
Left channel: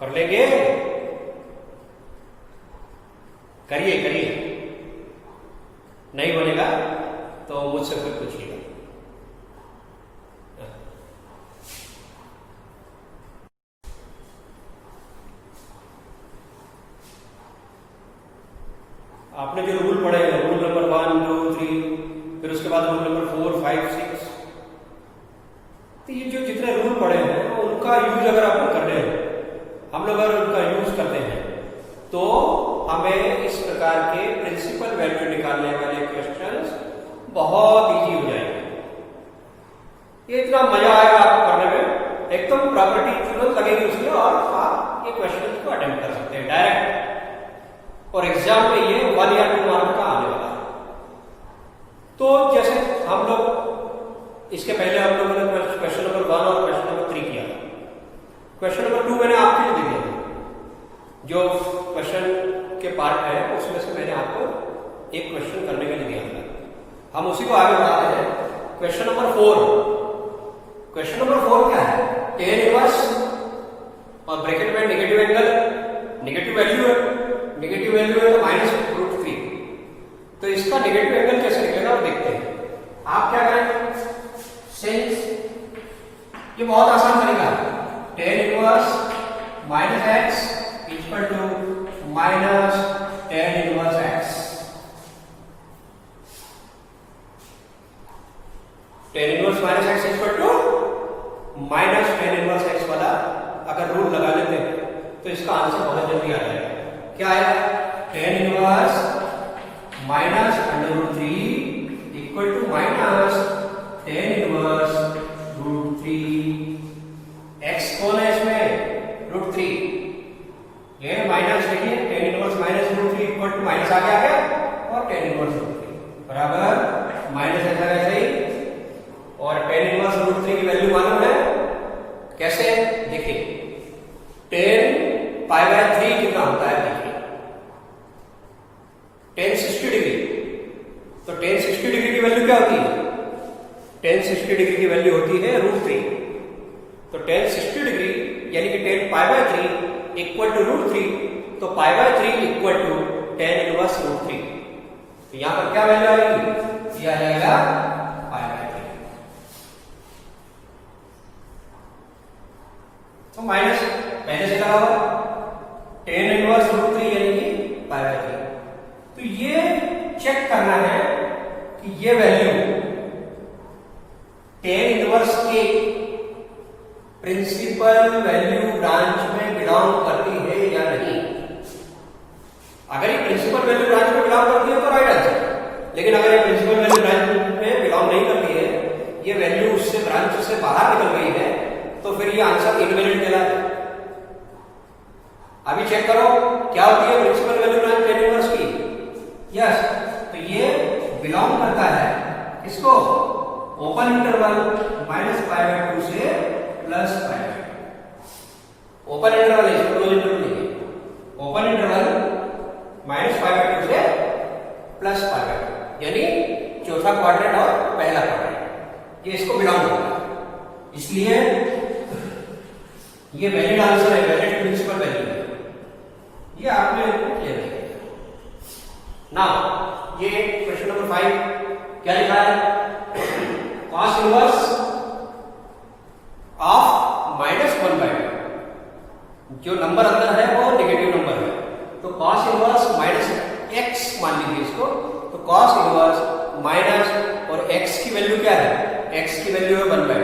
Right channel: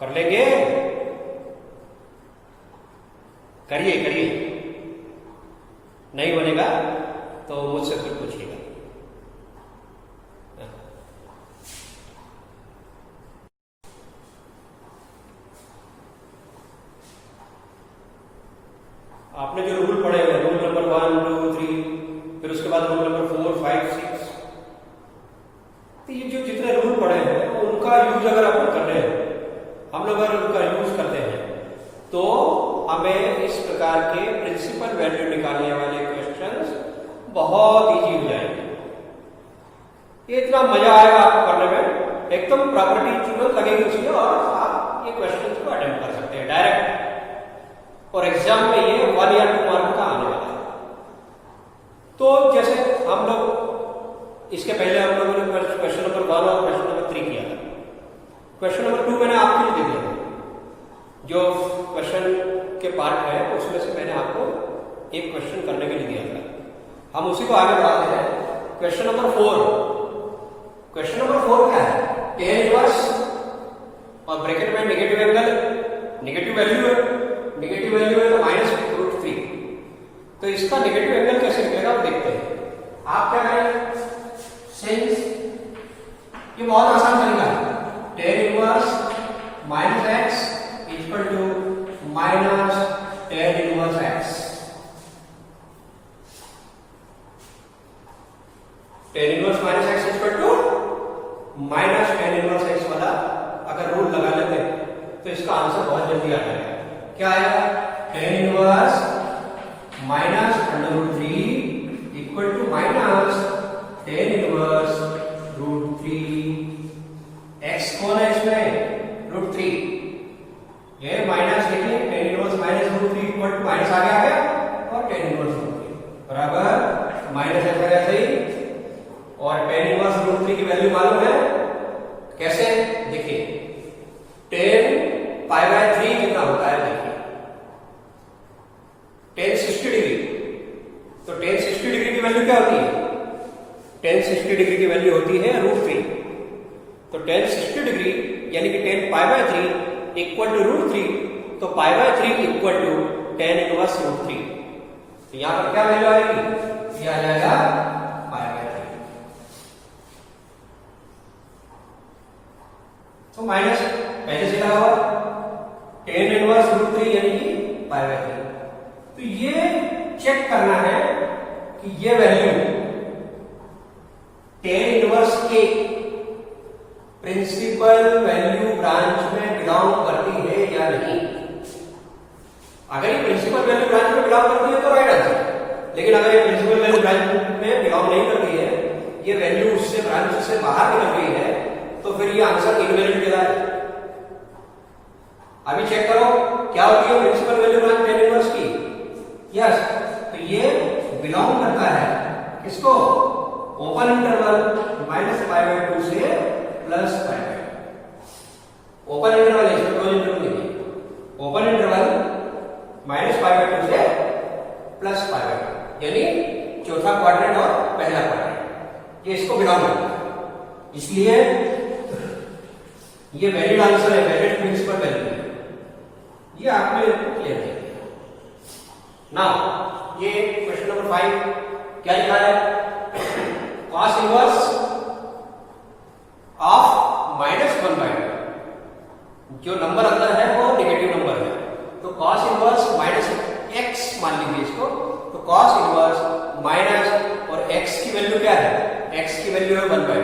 कर लेंगे, करिए करिए, नहीं बनेगा तो मुझसे फिर पूछिएगा। आपने जो रूल पढ़े हैं, रूल नंबर 1, 2, 3, फिर उसके बाद रूल नंबर 4, 5, 6, तो ये जो जितने रूल पढ़े हैं उनका यूज अगर अपन कर रहे हैं, हम लोग अगर उनका यूज करते हैं, तो हमें इस प्रकार के प्रिंसिपल वैल्यू निकालने वाले क्वेश्चंस बहुत इजी हो जाएंगे। ये इतना मजा आएगा आपको करने में, एकदम प्रॉपर्टी तुरंत लगेगी उसमें, और आप ये क्वेश्चंस को अटेम्प्ट कर सकते हैं डायरेक्ट, और एग्जाम में ये 1 या 2 मार्क का आने वाला है। तो जैसे हम लोग इसके पहले हम लोगों ने क्वेश्चन नंबर 1 और क्वेश्चन नंबर 3 किया था। क्वेश्चन नंबर 2 मैंने आपके लिए दे दिया था, जो क्वेश्चन के पार्ट है उसमें से मैंने आपको एक क्वेश्चन करने के लिए दिया था। हम उसी को आगे बढ़ाते हैं। क्वेश्चन नंबर 4, क्वेश्चन नंबर 4 क्या है, टेन इनवर्स, और ब्रैकेट में नेगेटिव एंगल, नेगेटिव वैल्यू है, नेगेटिव वैल्यू है तो -√3। तो इसका नेगेटिव एंगल कैसे निकलेगा वो देखते हैं। आप क्या करेंगे, सिंस ये बहुत आसान तरीका है, tan inverse -x equal to -tan inverse x। tan inverse -x equal to -tan inverse x वाला अगर रूल लगा लेते हैं तो इसका आंसर बहुत जल्दी आ जाएगा। क्या आया, tan inverse -√3 equal to -tan inverse √3। x कौन है इसमें, √3, ये माइनस देखिए, tan inverse -√3 equal to minus आ गया है, और tan इनवर्स √3 बराबर माइनस ऐसा कैसे ही, और tan इनवर्स √3 की वैल्यू मालूम है कैसे, देखिए tan π/3 कितना होता है, देखिए tan 60 डिग्री, तो tan 60 डिग्री की वैल्यू क्या होती है? tan 60 डिग्री की वैल्यू होती है √3। तो tan 60 डिग्री यानी कि tan π/3 इक्वल टू √3, तो π/3 इक्वल टू tan इनवर्स √3। तो यहां पर क्या वैल्यू आएगी? ये आ जाएगा π/3। तो माइनस पहले से लगा हुआ tan इनवर्स √3 यानी कि π/3। तो ये चेक करना है कि ये वैल्यू tan इनवर्स के प्रिंसिपल वैल्यू ब्रांच में बिलोंग करती है या नहीं। अगर ये प्रिंसिपल वैल्यू ब्रांच में बिलोंग करती है तो राइट आंसर, लेकिन अगर ये प्रिंसिपल वैल्यू ब्रांच में बिलोंग नहीं करती है, ये वैल्यू उससे ब्रांच से बाहर निकल गई है, तो फिर ये आंसर इनवैलिड कहलाता है। अभी चेक करो क्या होती है principal value branch tan inverse की। यस, तो ये बिलोंग करता है किसको? ओपन इंटरवल -π/2 से +π/2। ओपन इंटरवल है, क्लोज इंटरवल नहीं। ओपन इंटरवल -π/2 से +π/2 यानी चौथा क्वाड्रेंट और पहला क्वाड्रेंट, ये इसको बिलोंग करता है। इसलिए ये वैलिड आंसर है, वैलिड प्रिंसिपल वैल्यू है। ये आपने क्लियर किया। नाउ ये क्वेश्चन नंबर 5 क्या लिखा है? cos inverse of -1/2। जो नंबर अंदर है वो नेगेटिव नंबर है, तो cos इनवर्स -x मान लीजिए इसको। तो cos इनवर्स माइनस और x की वैल्यू क्या है? x की वैल्यू है 1/2।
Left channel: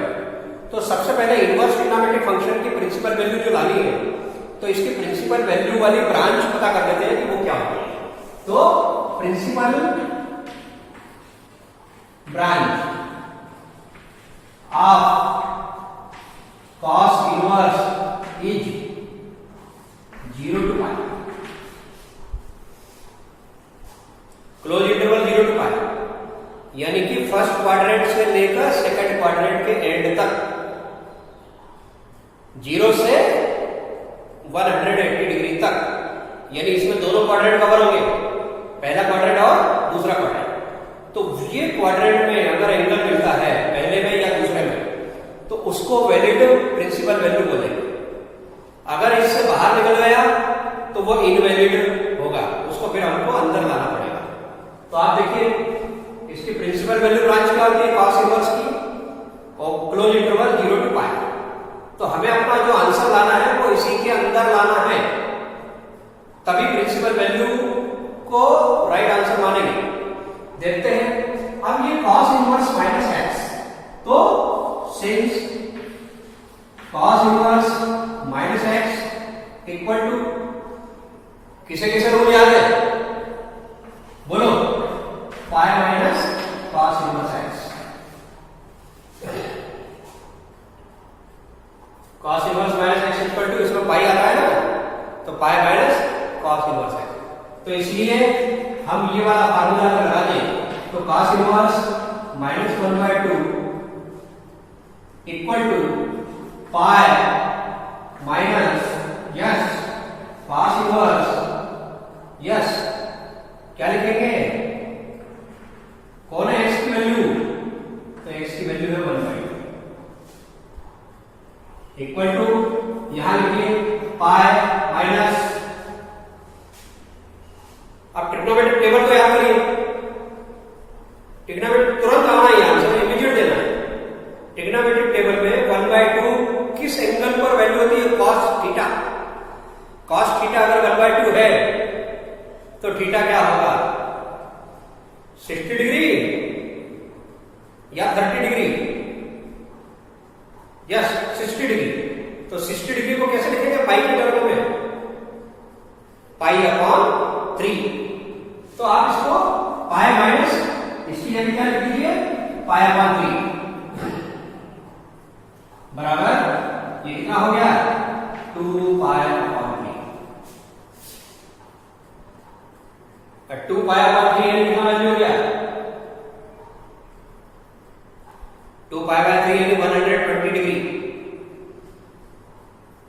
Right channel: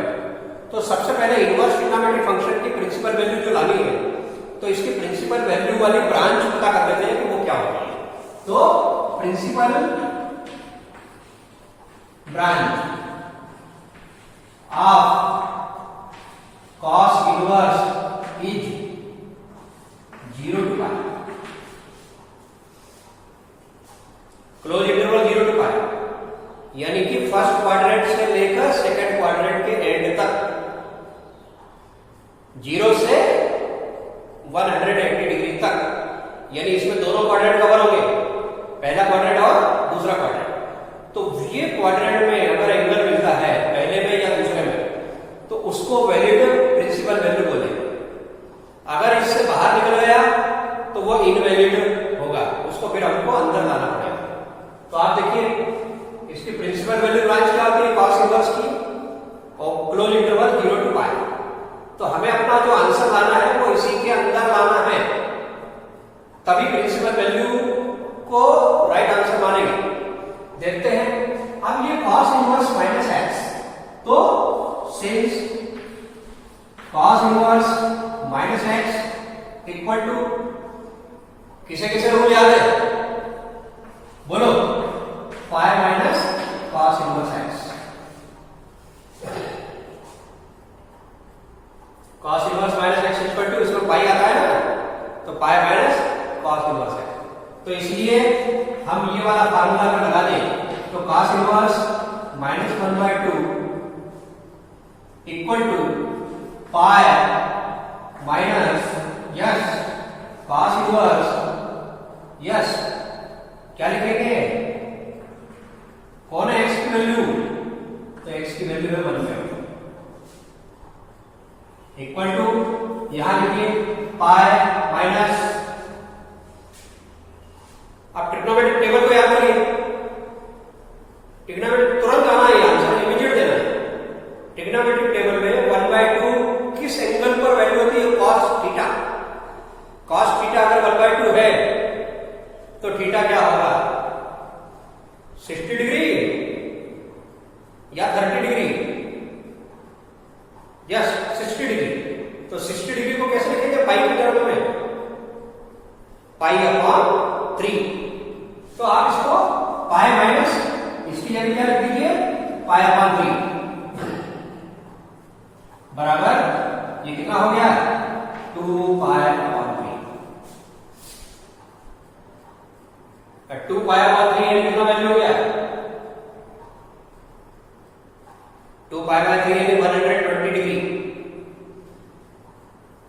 तो सबसे पहले इनवर्स ट्रिग्नोमेट्रिक फंक्शन की प्रिंसिपल वैल्यू जो लानी है, तो इसकी प्रिंसिपल वैल्यू वाली ब्रांच पता कर लेते हैं कि वो क्या होती है। तो principal branch of cos inverse is 0 to π, close interval 0 to π, यानी कि फर्स्ट क्वाड्रेंट से लेकर सेकंड क्वाड्रेंट के एंड तक 0 से 180 डिग्री तक, यानी इसमें दोनों क्वाड्रेंट कवर होंगे, पहला क्वाड्रेंट और दूसरा क्वाड्रेंट। तो ये क्वाड्रेंट में अगर एंगल मिलता है पहले में या दूसरे में, तो उसको वैलिड प्रिंसिपल वैल्यू बोलेंगे। अगर इससे बाहर निकल गया तो वो इनवैलिड होगा, उसको फिर हमको अंदर लाना पड़ेगा। तो आप देखिए इसकी प्रिंसिपल वैल्यू ब्रांच क्या होती है cos इनवर्स की, और क्लोज इंटरवल 0 to π। तो हमें अपना जो आंसर लाना है वो इसी के अंदर लाना है, तभी प्रिंसिपल वैल्यू को राइट आंसर मानेंगे। देखते हैं अब ये cos इनवर्स -x, तो since cos inverse -x equal to किसे किसे रूल याद है? बोलो, π minus cos inverse x। cos inverse -x equal to इसमें पाई आता है ना, तो π माइनस cos इनवर्स x। तो इसलिए हम ये वाला फार्मूला अगर लगा दें तो cos inverse -1/2 equal to π minus yes cos inverse yes क्या लिखेंगे? कौन है x की वैल्यू? तो x की वैल्यू है 1/2 इक्वल टू यहां लिखिए π माइनस, अब ट्रिग्नोमेट्रिक टेबल को याद करिए। ट्रिग्नोमेट्रिक तुरंत आना है, आंसर इमीडिएट देना है। ट्रिग्नोमेट्रिक टेबल में 1/2 किस एंगल पर वैल्यू होती है? cos theta. cos थीटा अगर 1/2 है तो थीटा क्या होगा? 60 डिग्री या 30 डिग्री? Yes 60 degree. तो 60 डिग्री को कैसे लिखेंगे? पाई के टर्म में, π/3। तो आप इसको π माइनस इसकी जगह क्या लिख दीजिए? π/3 बराबर ये कितना हो गया? 2π/3। 2π/3 कितना वैल्यू हो गया? 2π/3 यानी 120 डिग्री।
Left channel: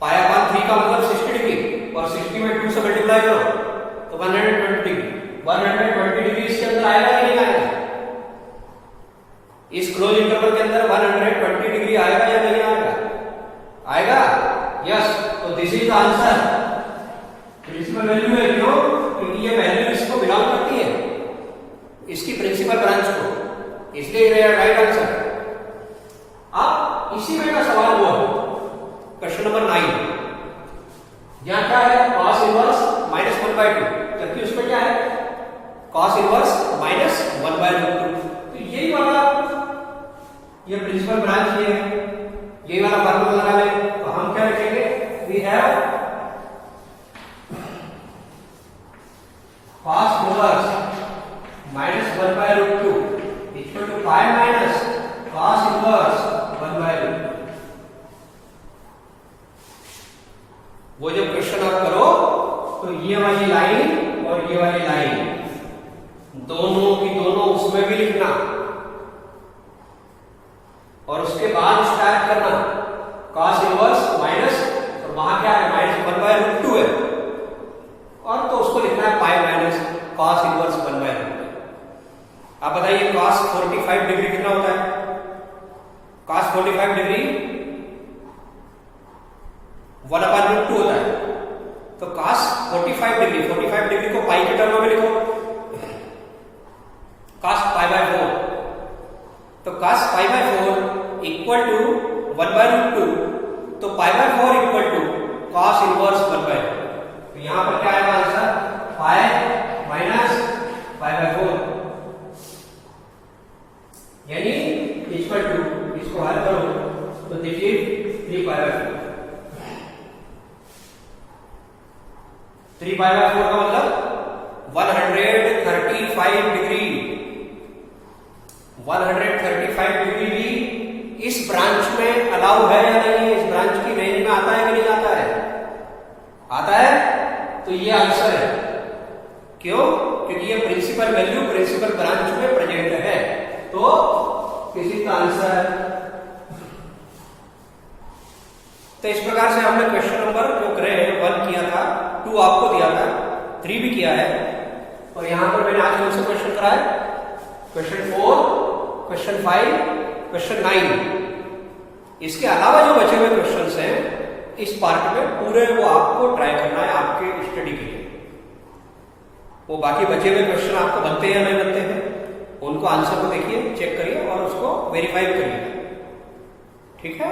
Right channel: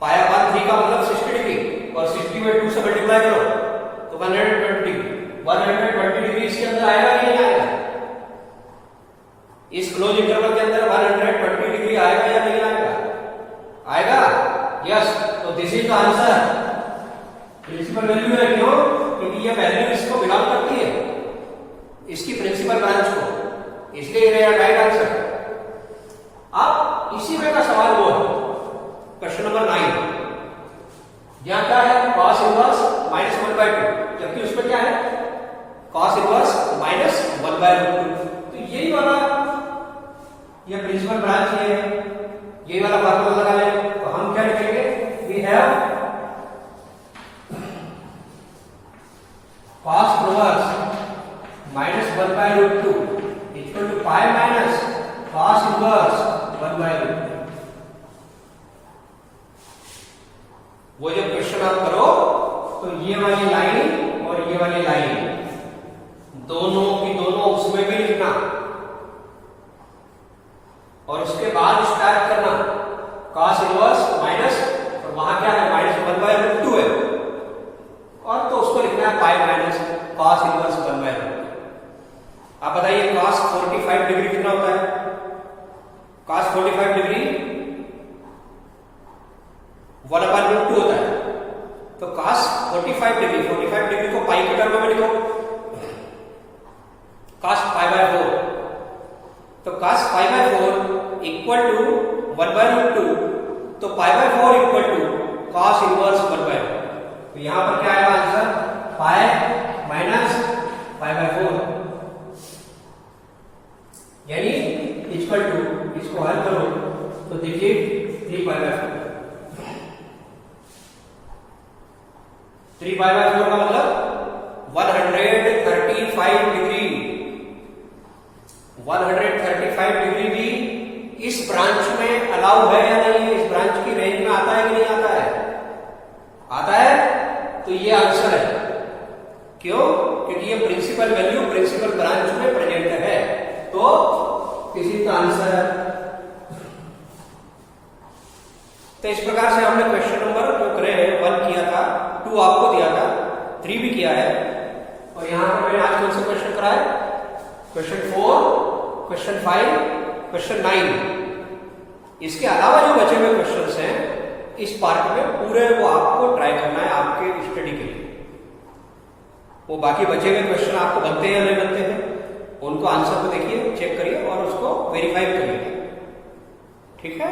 π/3 का मतलब 60 डिग्री, और 60 में 2 से मल्टीप्लाई करो तो 120 डिग्री। 120 डिग्री इसके अंदर आएगा कि नहीं आएगा? इस क्लोज इंटरवल के अंदर 120 डिग्री आएगा या नहीं आएगा? आएगा, यस। तो this is the answer, principal value है। क्यों? क्योंकि ये वैल्यू इसको बिलोंग करती है, इसकी प्रिंसिपल ब्रांच को, इसलिए ये राइट आंसर। अब इसी में का सवाल हुआ क्वेश्चन नंबर 9। यहां क्या है? cos इनवर्स माइनस 1/2, जबकि उसमें क्या है? cos inverse minus 1/√2। तो यही वाला ये प्रिंसिपल ब्रांच ये है, यही वाला फार्मूला लगा लें। तो हम क्या लिखेंगे? We have cos inverse minus 1/√2 equal to pi minus cos inverse 1/√2। वो जो क्वेश्चन आप करो तो ये वाली लाइन और ये वाली लाइन दोनों की दोनों उसमें भी लिखना, और उसके बाद स्टार्ट करना cos इनवर्स माइनस, और वहां क्या है? माइनस 1/√2 है, और तो उसको लिखना है पाई माइनस cos इनवर्स 1/√2। आप बताइए cos 45 डिग्री कितना होता है? cos 45 डिग्री 1/√2 होता है। तो cos 45 डिग्री को पाई के टर्म में लिखो, cos π/4। तो cos π/4 इक्वल टू 1/√2, तो π/4 इक्वल टू cos इनवर्स 1/2। तो यहां पर क्या आएगा आंसर? पाई माइनस π/4, यानी इक्वल टू, इसको हल करो तो देखिए 3π/4। 3π/4 का मतलब 135 डिग्री। 135 डिग्री भी इस ब्रांच में अलाउ है या नहीं? इस ब्रांच की रेंज में आता है कि नहीं आता है? आता है, तो ये आंसर है। क्यों? क्योंकि ये प्रिंसिपल वैल्यू प्रिंसिपल ब्रांच में प्रेजेंट है, तो इसी का आंसर। तो इस प्रकार से हमने क्वेश्चन नंबर जो करे हैं 1 किया था, 2 आपको दिया था, 3 भी किया है, और यहां पर मैंने आज कौन सा क्वेश्चन कराया? Question 4, question 5, question 9। इसके अलावा जो बचे हुए क्वेश्चंस हैं इस पार्ट में पूरे वो आपको ट्राई करना है आपके स्टडी के लिए। वो बाकी बचे हुए क्वेश्चन आपको बनते हैं या नहीं बनते हैं, उनको आंसर को देखिए, चेक करिए और उसको वेरीफाई करिएगा। ठीक है?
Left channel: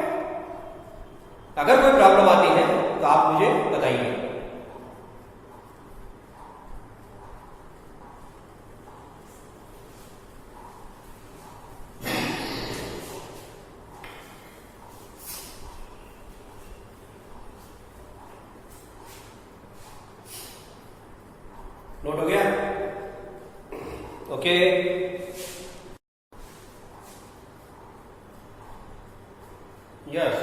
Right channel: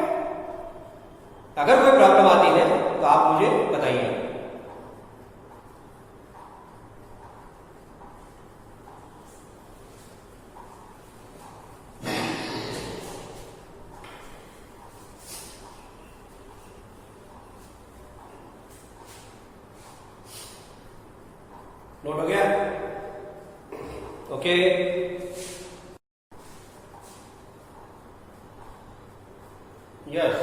अगर कोई प्रॉब्लम आती है तो आप मुझे बताइए। नोट हो गया? ओके। यस।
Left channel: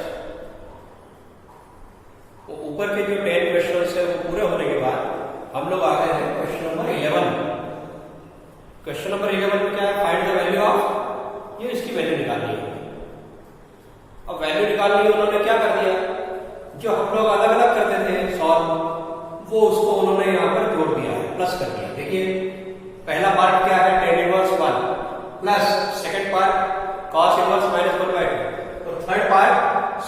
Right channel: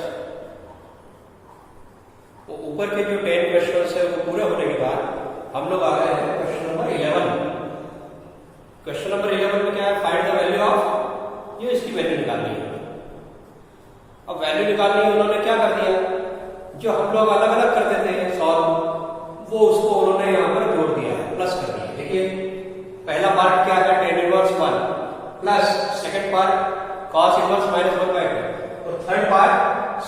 वो ऊपर के जो 10 क्वेश्चंस है वो पूरे होने के बाद हम लोग आ गए हैं क्वेश्चन नंबर 11। क्वेश्चन नंबर 11 में क्या है? फाइंड द वैल्यू ऑफ, ये इसकी वैल्यू निकालनी है। अब वैल्यू निकालनी है, उन्होंने क्या कर दिया? जो हम लोग अलग अलग करते थे सॉल्व, वो उसको उन्होंने यहां पर जोड़ दिया है, प्लस कर दिया। देखिए पहला पार्ट क्या है? tan inverse 1 plus second part cos inverse minus 1/2 और third part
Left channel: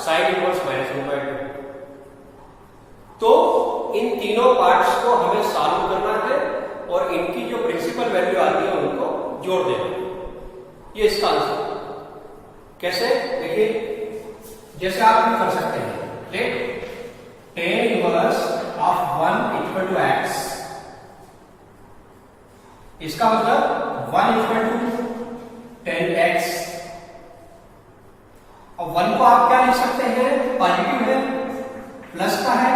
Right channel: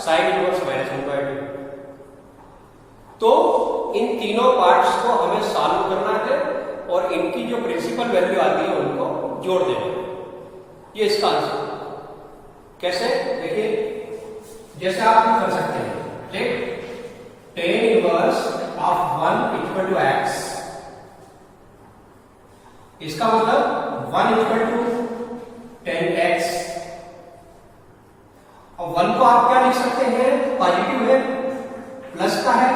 sin inverse minus 1/2। तो इन तीनों पार्ट्स को हमें सॉल्व करना है और इनकी जो प्रिंसिपल वैल्यू आती है उनको जोड़ देना है। ये इसका आंसर। कैसे? देखिए जैसे आप भी कर सकते हैं, ठीक? tan inverse of 1 equal to x, इसका मतलब 1 इक्वल टू 10x। और 1 को आप क्या लिख सकते हैं? पॉजिटिव है, प्लस का है,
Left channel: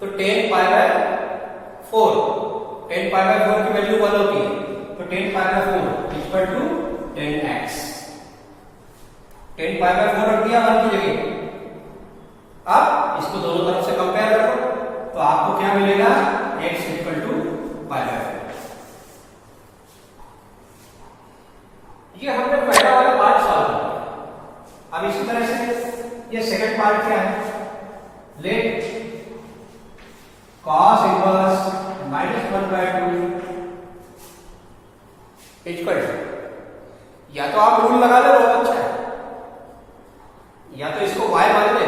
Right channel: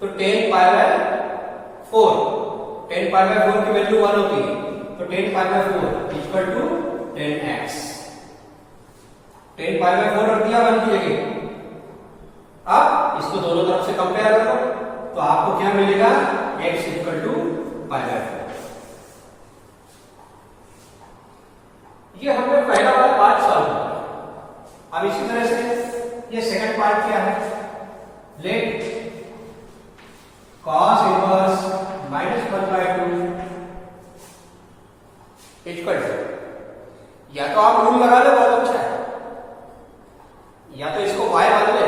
तो 10π/4। 10π/4 की वैल्यू 1 होती है, तो 10π/4 इक्वल टू 10x। 10π/4 रख दिया 1 की जगह। अब इसको दोनों तरफ से कंपेयर करो तो आपको क्या मिलेगा? x equal to π/4। ये हमने पहला वाला पार्ट सॉल्व किया। अब इसी तरह से ये सेकंड पार्ट क्या है? Let cos inverse minus 1/2 equal to, या तो आप रूल लगा ले, बहुत अच्छा है, या तो इसको y मान ले,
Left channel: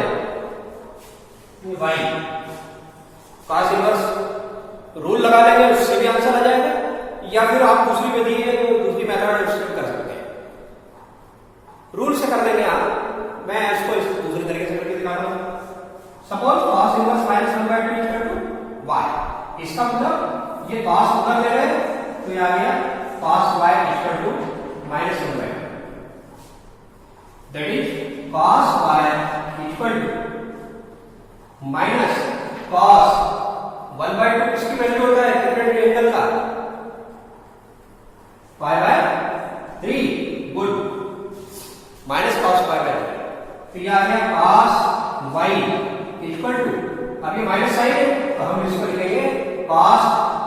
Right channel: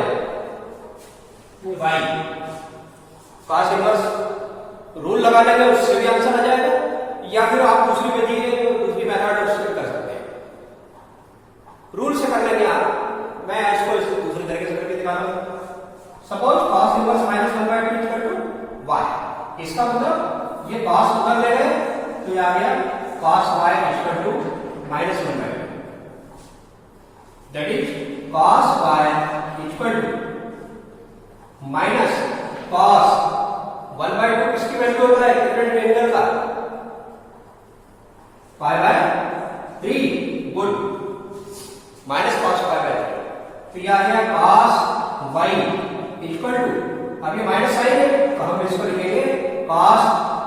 y cos इनवर्स रूल लगा लेंगे, उससे भी आंसर आ जाएगा, या फिर आप दूसरी विधि है जो दूसरी मेथड है उससे कर सकते हैं। रूल से कर लेंगे आप, मैं इसको दूसरे तरीके से करके दिखाता हूं। Suppose cos inverse minus 1/2 equal to y, इसका मतलब ये cos उधर ले गए तो ये आ गया cos y equal to minus 1/2, that is cos y equal to minus cos 1/2 किसकी वैल्यू होता है कितने एंगल का, π/3, गुड, माइनस cos π/3, तो यह आ गया cos y इक्वल टू, अब ये माइनस साइन है तो हम इसको लिखेंगे cos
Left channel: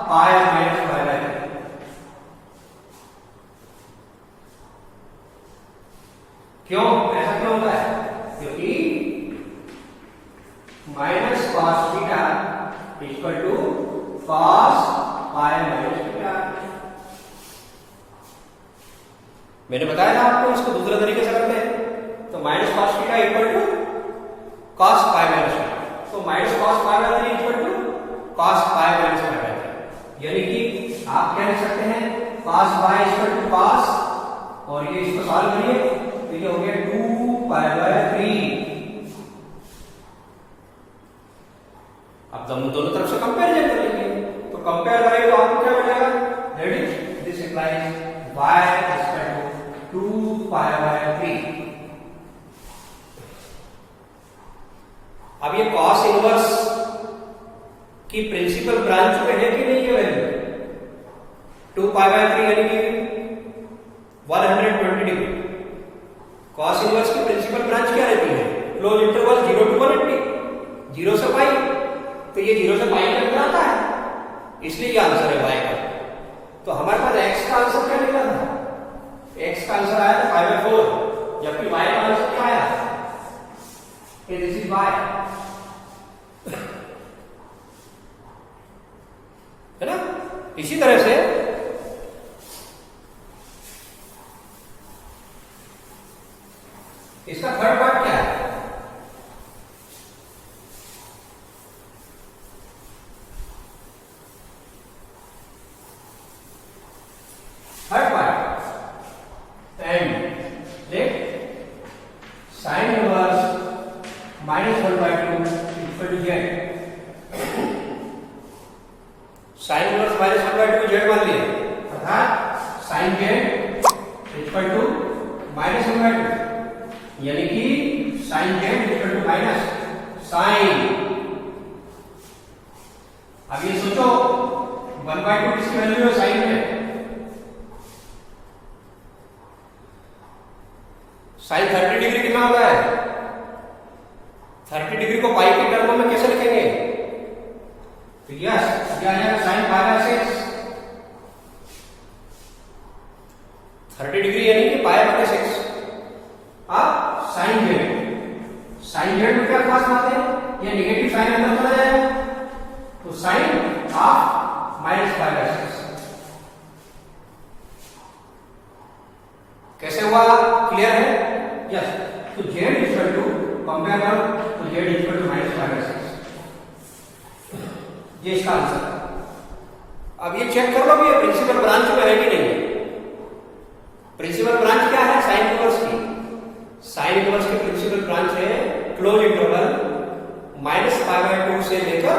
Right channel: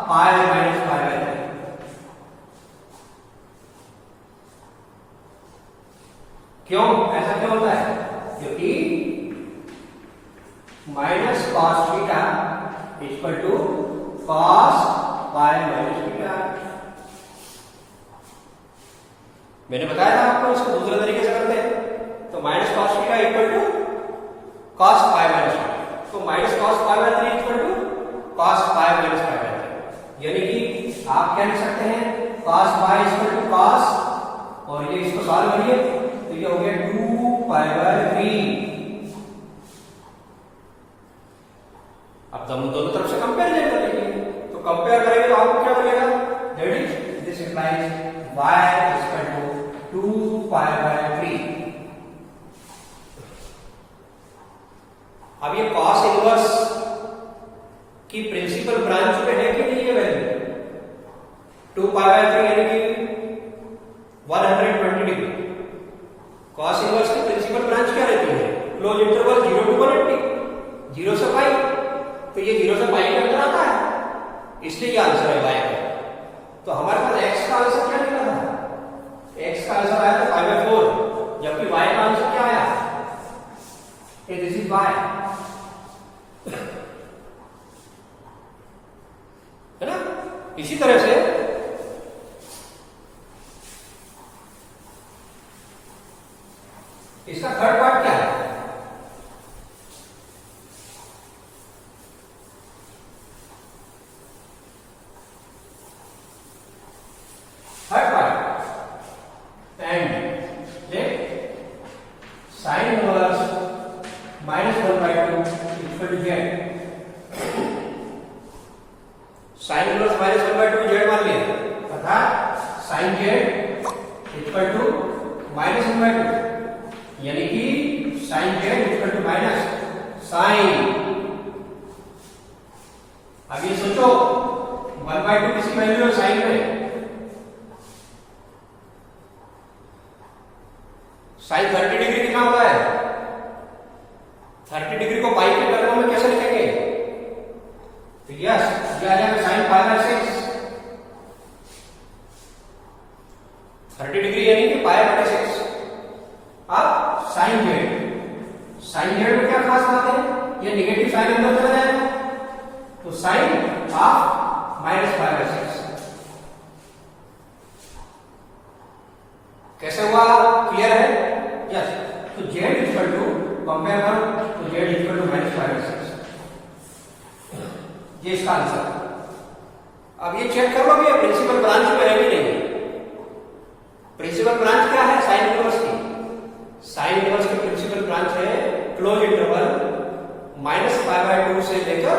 π माइनस π/3। क्यों ऐसा क्यों होता है, क्योंकि minus cos theta equal to cos π minus theta. मैंने बताया था आपको, इसको दूसरे तरीके से करते हैं तो minus cos theta equal to cos π minus theta, तो minus cos π/3 equal to cos π minus π/3, यानी कि आप क्या लिख सकते हैं cos π इक्वल टू cos, और ये इसको सॉल्व करिए तो ये हो गया 2π/3। अब हम दोनों तरफ से कंपेयर करेंगे, तो कंपेयर करेंगे तो आपको क्या मिलेगा, that is this implies y equal to 2π/3। अब ये cos इनवर्स की प्रिंसिपल ब्रांच पे है कि नहीं ये वैल्यू, 2π/3 यानी कि 120 डिग्री। cos इनवर्स की प्रिंसिपल ब्रांच क्या रहती है, क्लोज इंटरवल 0 to 180, 0 से पाई, तो ये 0 से पाई के अंदर आता है, इसलिए ये आंसर है y का। तो हमारे पास x का आंसर क्या निकला था, x का आंसर आया था 5/4, जबकि y का आंसर क्या आया, दिस इज y, है ना। इसी तरह से इसका थर्ड पार्ट क्या है, third part and let sine inverse minus 1/2 equal to z, sine inverse minus 1/2 z मान लिया, अर्थात sine z equal to minus 1/2, यानी कि sine z equal to minus sine. अब ये सोचो 1/2 किसकी वैल्यू है साइन में, साइन 30 डिग्री कितना होता है, 30 डिग्री को पाई के टर्म में कैसे लिखेंगे, तो यस ये आ जाएगा साइन π/6, 30 डिग्री यानी कि π/6। अब साइन जेड में क्या खास बात है, ये नेगेटिव साइन अंदर चला जाएगा, तो साइन ऑफ माइनस π/6 कैसे हुआ, क्लियर है, यस। तो जेड इक्वल टू कंपेयर करो, तो जेड इक्वल टू माइनस π/6, ये इसका आंसर। अब ये चेक कर लो कि प्रिंसिपल ब्रांच में है कि नहीं। प्रिंसिपल ब्रांच क्या है साइन इनवर्स की, साइन इनवर्स की प्रिंसिपल ब्रांच है क्लोज इंटरवल -π/2 से लेकर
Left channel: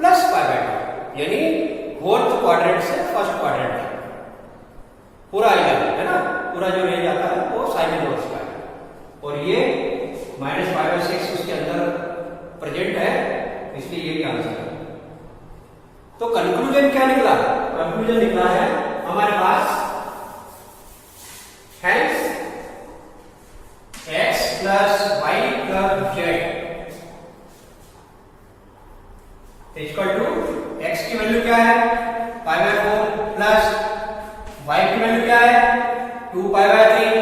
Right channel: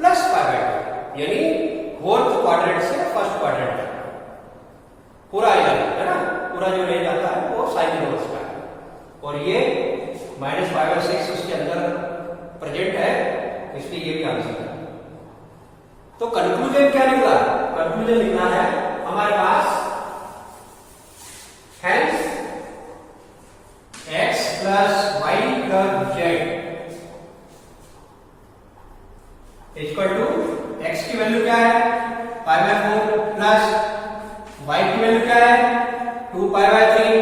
+π/2, यानी फोर्थ क्वाड्रेंट से फर्स्ट क्वाड्रेंट तक पूरा है ना, पूरा जो रह जाता है वो साइन इनवर्स का है, और ये -π/6 उसके अंदर प्रेजेंट है, इसलिए ये भी आंसर है। तो कंक्लूजन क्या निकला, कंक्लूजन निकला है हमारे पास hence x plus y plus z equal to x की वैल्यू क्या है π/4 प्लस y की वैल्यू क्या है 2π/3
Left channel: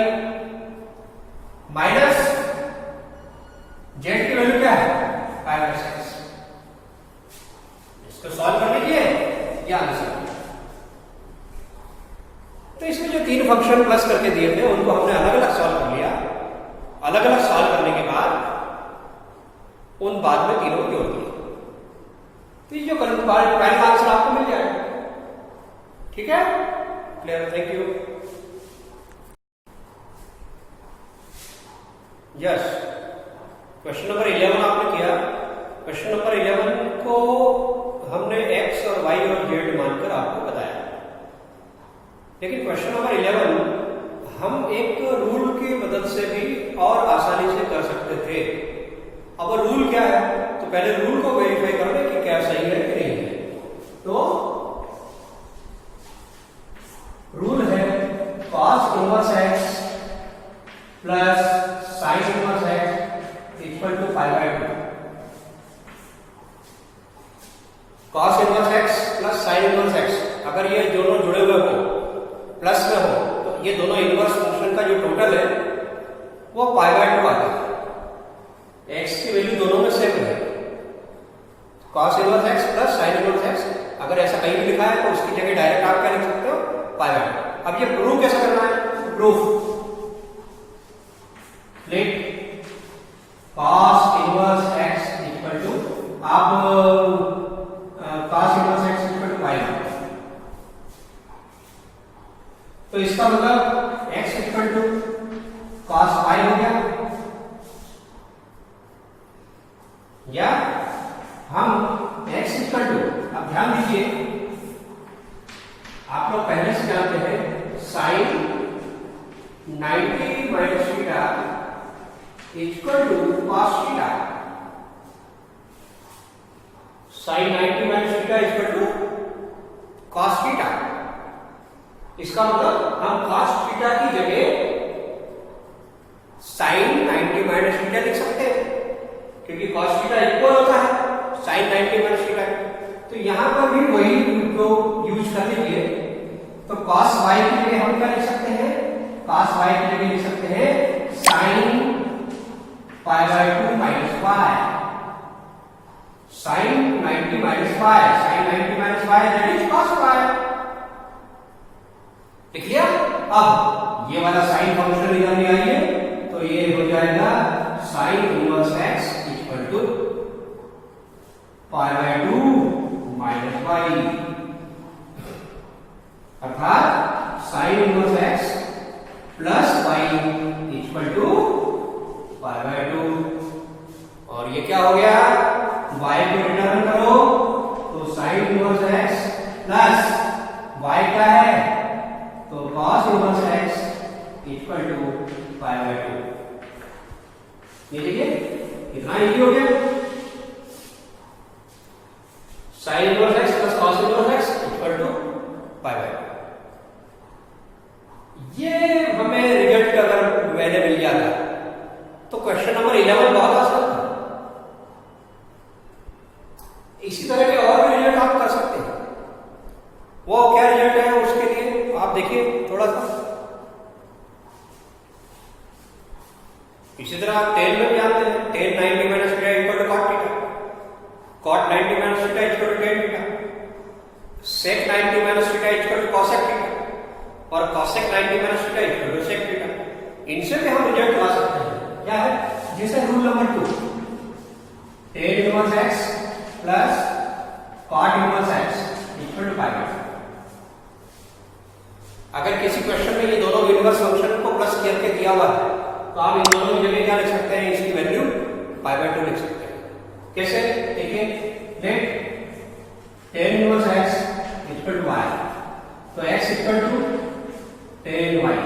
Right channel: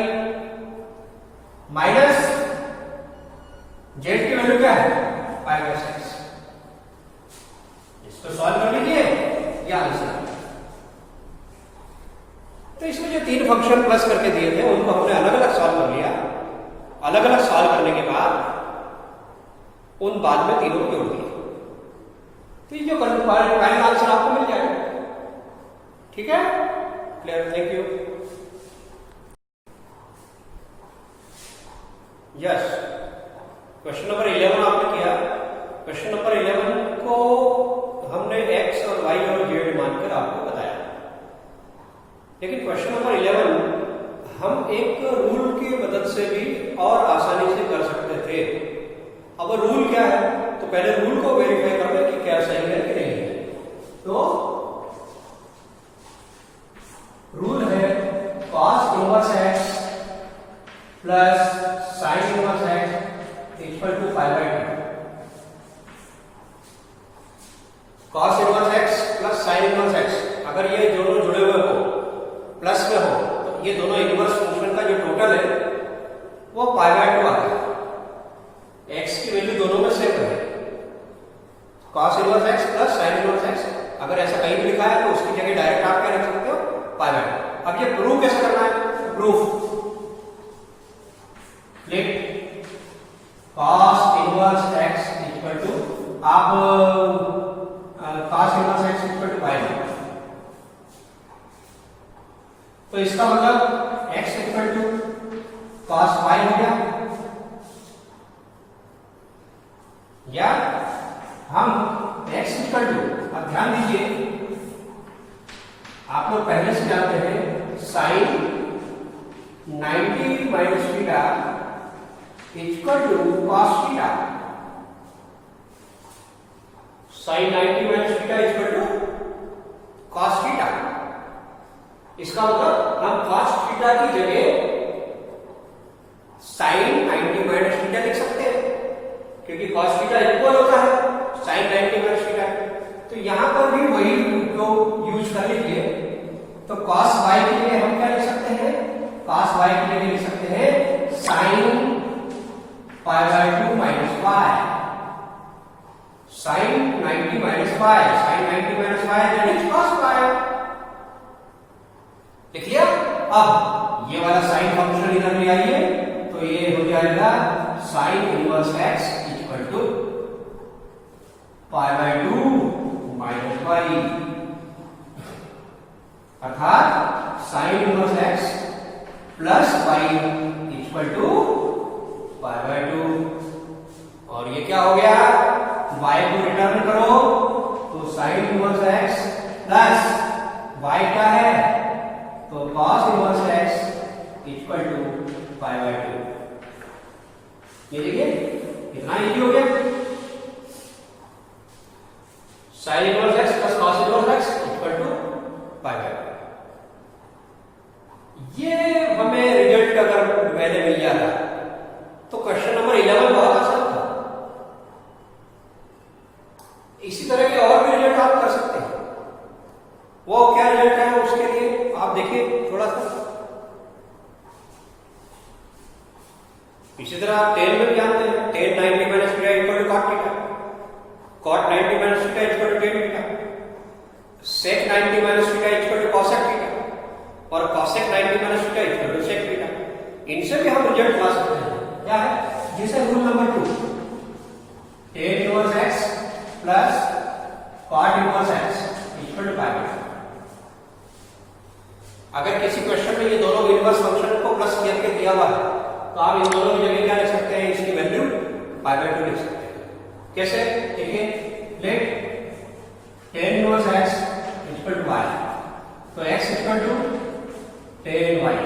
माइनस z की वैल्यू क्या है π/6। इसको सॉल्व करने के लिए ये आंसर। तो इसमें जो 3 फंक्शन प्लस करके दिए थे उनको हमने अलग अलग सॉल्व कर लिया। अलग अलग सॉल्व करने के बाद उन बाद में तीनों को जोड़ दिया, तो ये जो फाइनल आंसर आपको मिल जाएगा। ठीक है, clear? Thank you. Yes, question number 11 आपने किया। क्वेश्चन नंबर 11 को हमने x और y और z मानकर आपको बताया, लेकिन क्वेश्चन नंबर 11 हम एक रूल की मदद से भी और आसानी से कर सकते थे। अब रूल क्या है, तो पहले रूल को वेरीफाई कर ले कि क्या सही है कि नहीं है। तो रूल है cos inverse x plus sin inverse x equal to pi by 2। cos inverse x plus sin inverse x, अगर ये दोनों जुड़े हुए हो, प्लस में हो, तो ये दोनों इनवर्स फंक्शन का जो टोटल है वो पाई बाय 2 आता है। x की वैल्यू दोनों में सेम है, cos inverse x plus sin inverse x। अगर ऐसा कहीं भी लिखा है तो उसकी जगह डायरेक्ट आप क्या लिख सकते हो, पाई बाय 2। अब ये प्रूव कैसे करना है, proof let cos inverse x equal to, आप cos inverse x equal to pi by, तो इसका मतलब x equal to cos pi हो गया, या हम x इक्वल टू, अब ध्यान दीजिए आप लोग पहले से जानते हैं sin 90 minus theta equal to cos theta. sin 90 minus theta equal to cos theta. इसका मतलब हम cos थीटा की जगह sin 90 माइनस थीटा लिख सकते हैं, क्योंकि cos थीटा इक्वल होता है sin 90 माइनस थीटा। तो यहां पर भी वही जो यूज कर लीजिए, तो cos y के लिए हम क्या लिख सकते हैं, cos y के लिए लिख सकते हैं sin pi by 2 minus y, sin 90 minus y, sin 90 minus y that is cos y। लिख लिया। अब ये वाला sin फंक्शन इधर ले आइए, तो ये हो जाएगा sin inverse x equal to pi by 2 minus y, अर्थात sin inverse x plus y equal to pi by 2। और ये क्या हो गया, y को रिटर्न करो तो sin inverse x plus y क्या है, तो cos inverse x equal to pi by 2। ये देखिए कितना इजी हो गया, sin inverse x plus cos inverse x equal to pi by 2। ये हमें रिजल्ट अगर पहले मिल जाता तो क्वेश्चन नंबर 11 बहुत आसान था। इसी तरह के और भी रिजल्ट आप कर सकते हैं। वो क्या रिजल्ट है उसके लिए आप देखिए थोड़ा सा। इसी तरह आप 10 में भी जानते हैं, tan 90 minus theta equal to cot theta, cot 90 minus theta equal to tan theta, sec 90 minus theta equal to cosec theta, और cosec 90 minus theta equal to sec theta. इनसे भी हम रिजल्ट ला सकते हैं। क्या है, जैसे rule number 2, tan inverse x plus cot inverse x equal to pi by 2। अगर किसी क्वेश्चन में ये दोनों इनवर्स फंक्शन को प्लस करके दिया हुआ है, तो आप इन दोनों की जगह क्या लिख सकते हैं, इसकी वैल्यू पाई बाय 2 लिख सकते हैं। कैसे, देखिए let tan inverse x equal to y, तो x equal to tan y,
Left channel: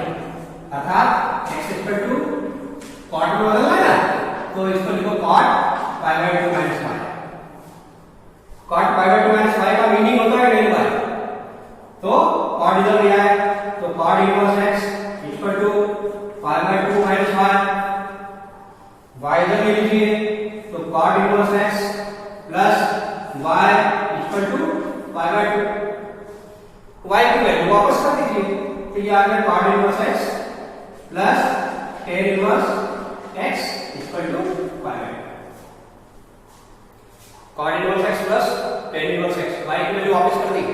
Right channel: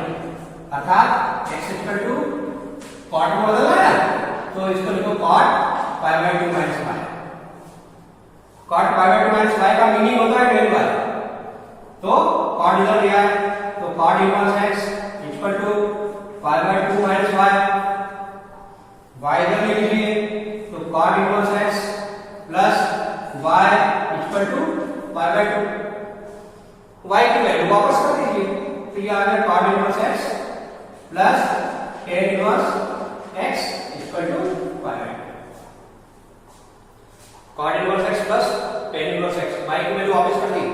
अर्थात x इक्वल टू cot में बदलना है ना, तो इसको लिखो cot pi by 2 minus y। cot pi by 2 minus y का मीनिंग होता है del y, तो cot इधर लिया है, तो cot inverse x equal to pi by 2 minus y इधर ले लीजिए, तो cot inverse x plus y equal to pi by 2। y की वैल्यू वापस कर दीजिए, तो ये आ गया cot inverse x plus tan inverse x equal to pi by 2। cot inverse x plus tan inverse x, y की वैल्यू वापस कर दी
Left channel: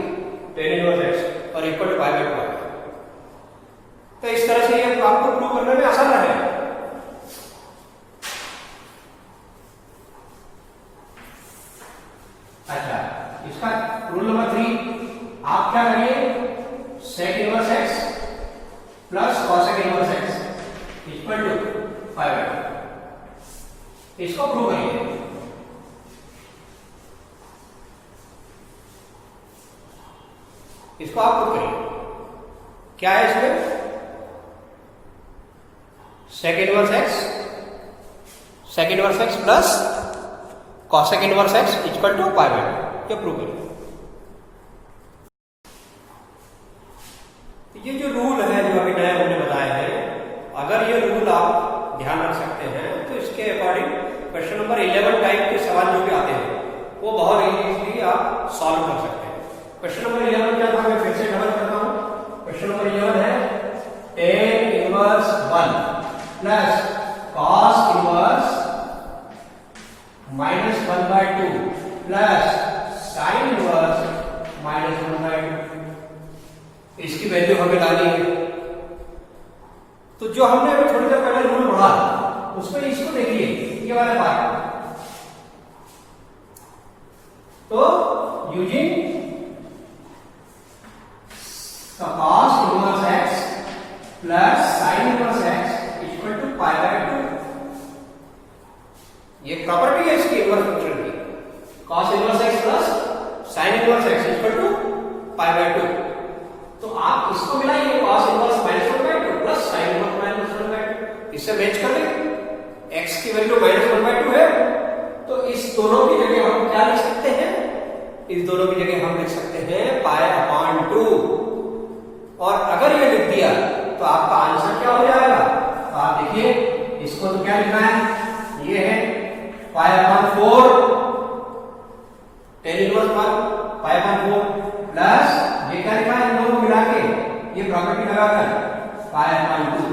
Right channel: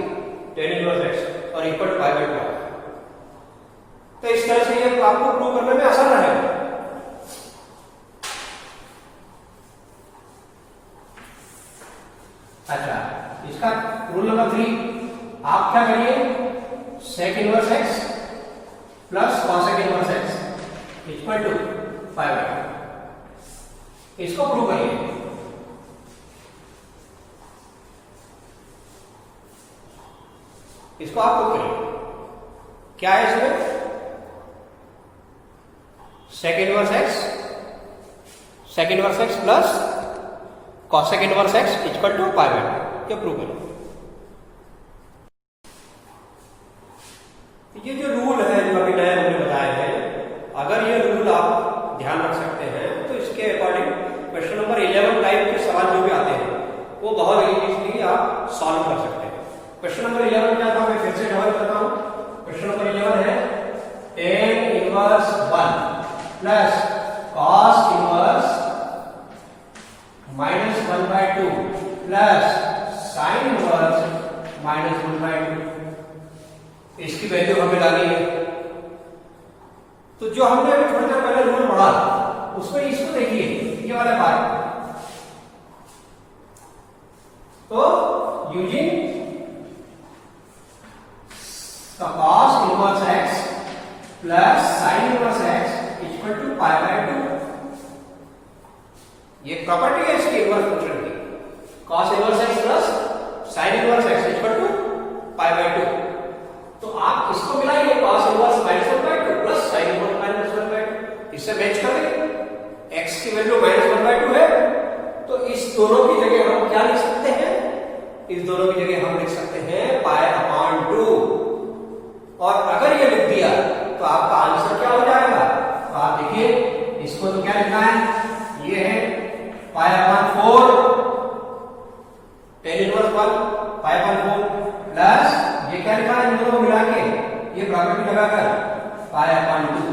tan इनवर्स x और इक्वल टू पाई बाय 2 आ गया। प्रूव करने में आसान रहेगा। अच्छा, इसका रूल नंबर 3, आप क्या करिए, sec inverse x plus cosec inverse x equal to 5/2, इसको प्रूव करिए। इसको आप प्रूव करिए। क्या है इसमें, sec inverse x plus cosec inverse x equal to 5/2, ये प्रूव करिए। ये जो रूल है जो अभी नए हमने बताए हैं, अगर ये रूल आप ध्यान रख सकते हैं तो इसके अकॉर्डिंग क्वेश्चन नंबर 11 टाइप के सवाल जो भी आते हैं वो बहुत इजीली आप सॉल्व कर सकते हैं। क्वेश्चन नंबर 11 क्या था, मैं फिर से डबल करता हूं। क्वेश्चन नंबर 11 है tan inverse 1 plus cos inverse -1/2 plus sin inverse -1/2। इसकी वैल्यू हमें डालनी है। तो जो हमने अभी थोड़ी देर पहले रूल पढ़ा उसमें इसको देखिए, ये वाला पार्ट, तो using cos inverse x plus sin inverse x equal to 5/2, ये प्रॉपर्टी है इसकी इनवर्स फंक्शन की। cos inverse x plus sin inverse x equal to 5/2। तो आप इसको मिलाइए, cos inverse -1/2 plus sin inverse -1/2, इससे मैच कर देंगे। x की वैल्यू -1/2 है, तो इस दोनों की जगह हम क्या लिख सकते हैं, इस दोनों की जगह हम लिख सकते हैं π/2। और अगर ये लिख दिया तो आपका आंसर क्या हो जाएगा, तो आप देखिए इसको तो क्या लिखना है, ये है π/4 tan इनवर्स 1 π/4 प्लस ये क्या लिखा है, इन दोनों को मिला के ये प्रॉपर्टी लगाकर π/2,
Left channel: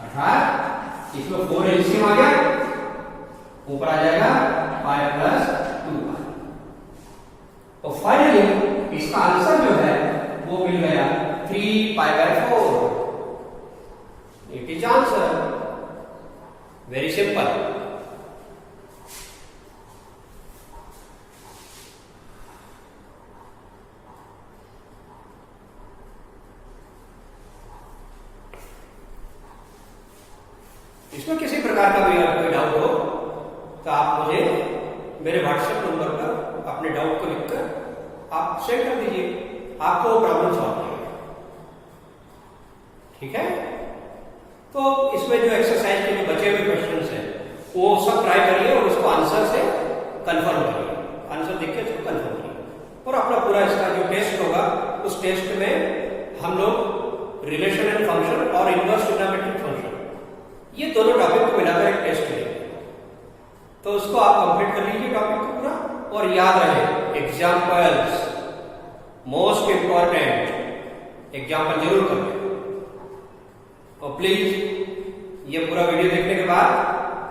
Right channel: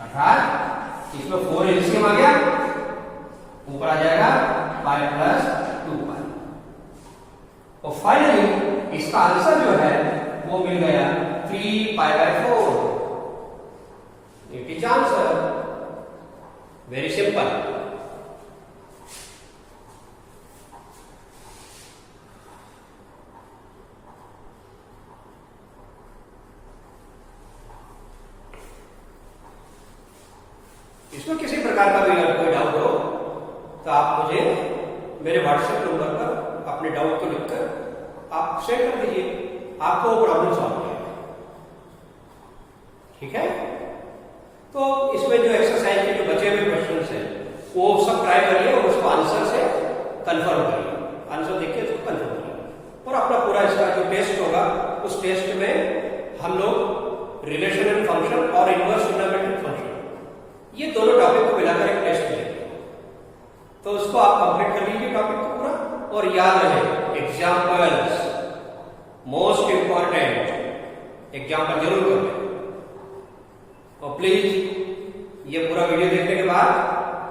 अर्थात इसमें 4 एलसीएम आ गया, ऊपर आ जाएगा π+2π। और फाइनली इसका आंसर जो है वो मिल गया 3π/4। It is answer, very simple. इसमें किसी प्रकार का भी अगर कोई डाउट हो तो आप मुझे मेरे व्हाट्सएप नंबर पर अपने डाउट को लिखकर आप शेयर कर दीजिए, आपको प्रॉब्लम सॉल्व हो जाएगी। ठीक है, तो इसमें जो एक्सरसाइज के जो बचे हुए क्वेश्चंस हैं वो सब ट्राई करिए और उसको आंसर से कंफर्म करिए, आंसर देख के उसको कंफर्म करिए। और अपना पूरा इसका जो टेस्ट होगा उस टेस्ट में हम लोग रिलेशन एंड फंक्शन और इनवर्स ट्रिग्नोमेट्रिक फंक्शन, ये दोनों टॉपिक को मिलाकर एक टेस्ट लेंगे। तो उसको आप कंप्लीट कर लीजिए टॉपिक को पूरा, और याद रहे एग्जाम्पल्स मोस्ट इंपॉर्टेंट, एग्जाम्पल जरूर करें। और प्लीज ये पूरा वीडियो देखने के बाद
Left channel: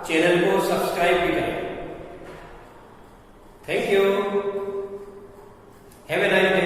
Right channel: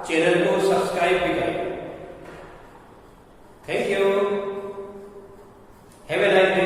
चैनल को सब्सक्राइब भी करें। Thank you, have a nice day.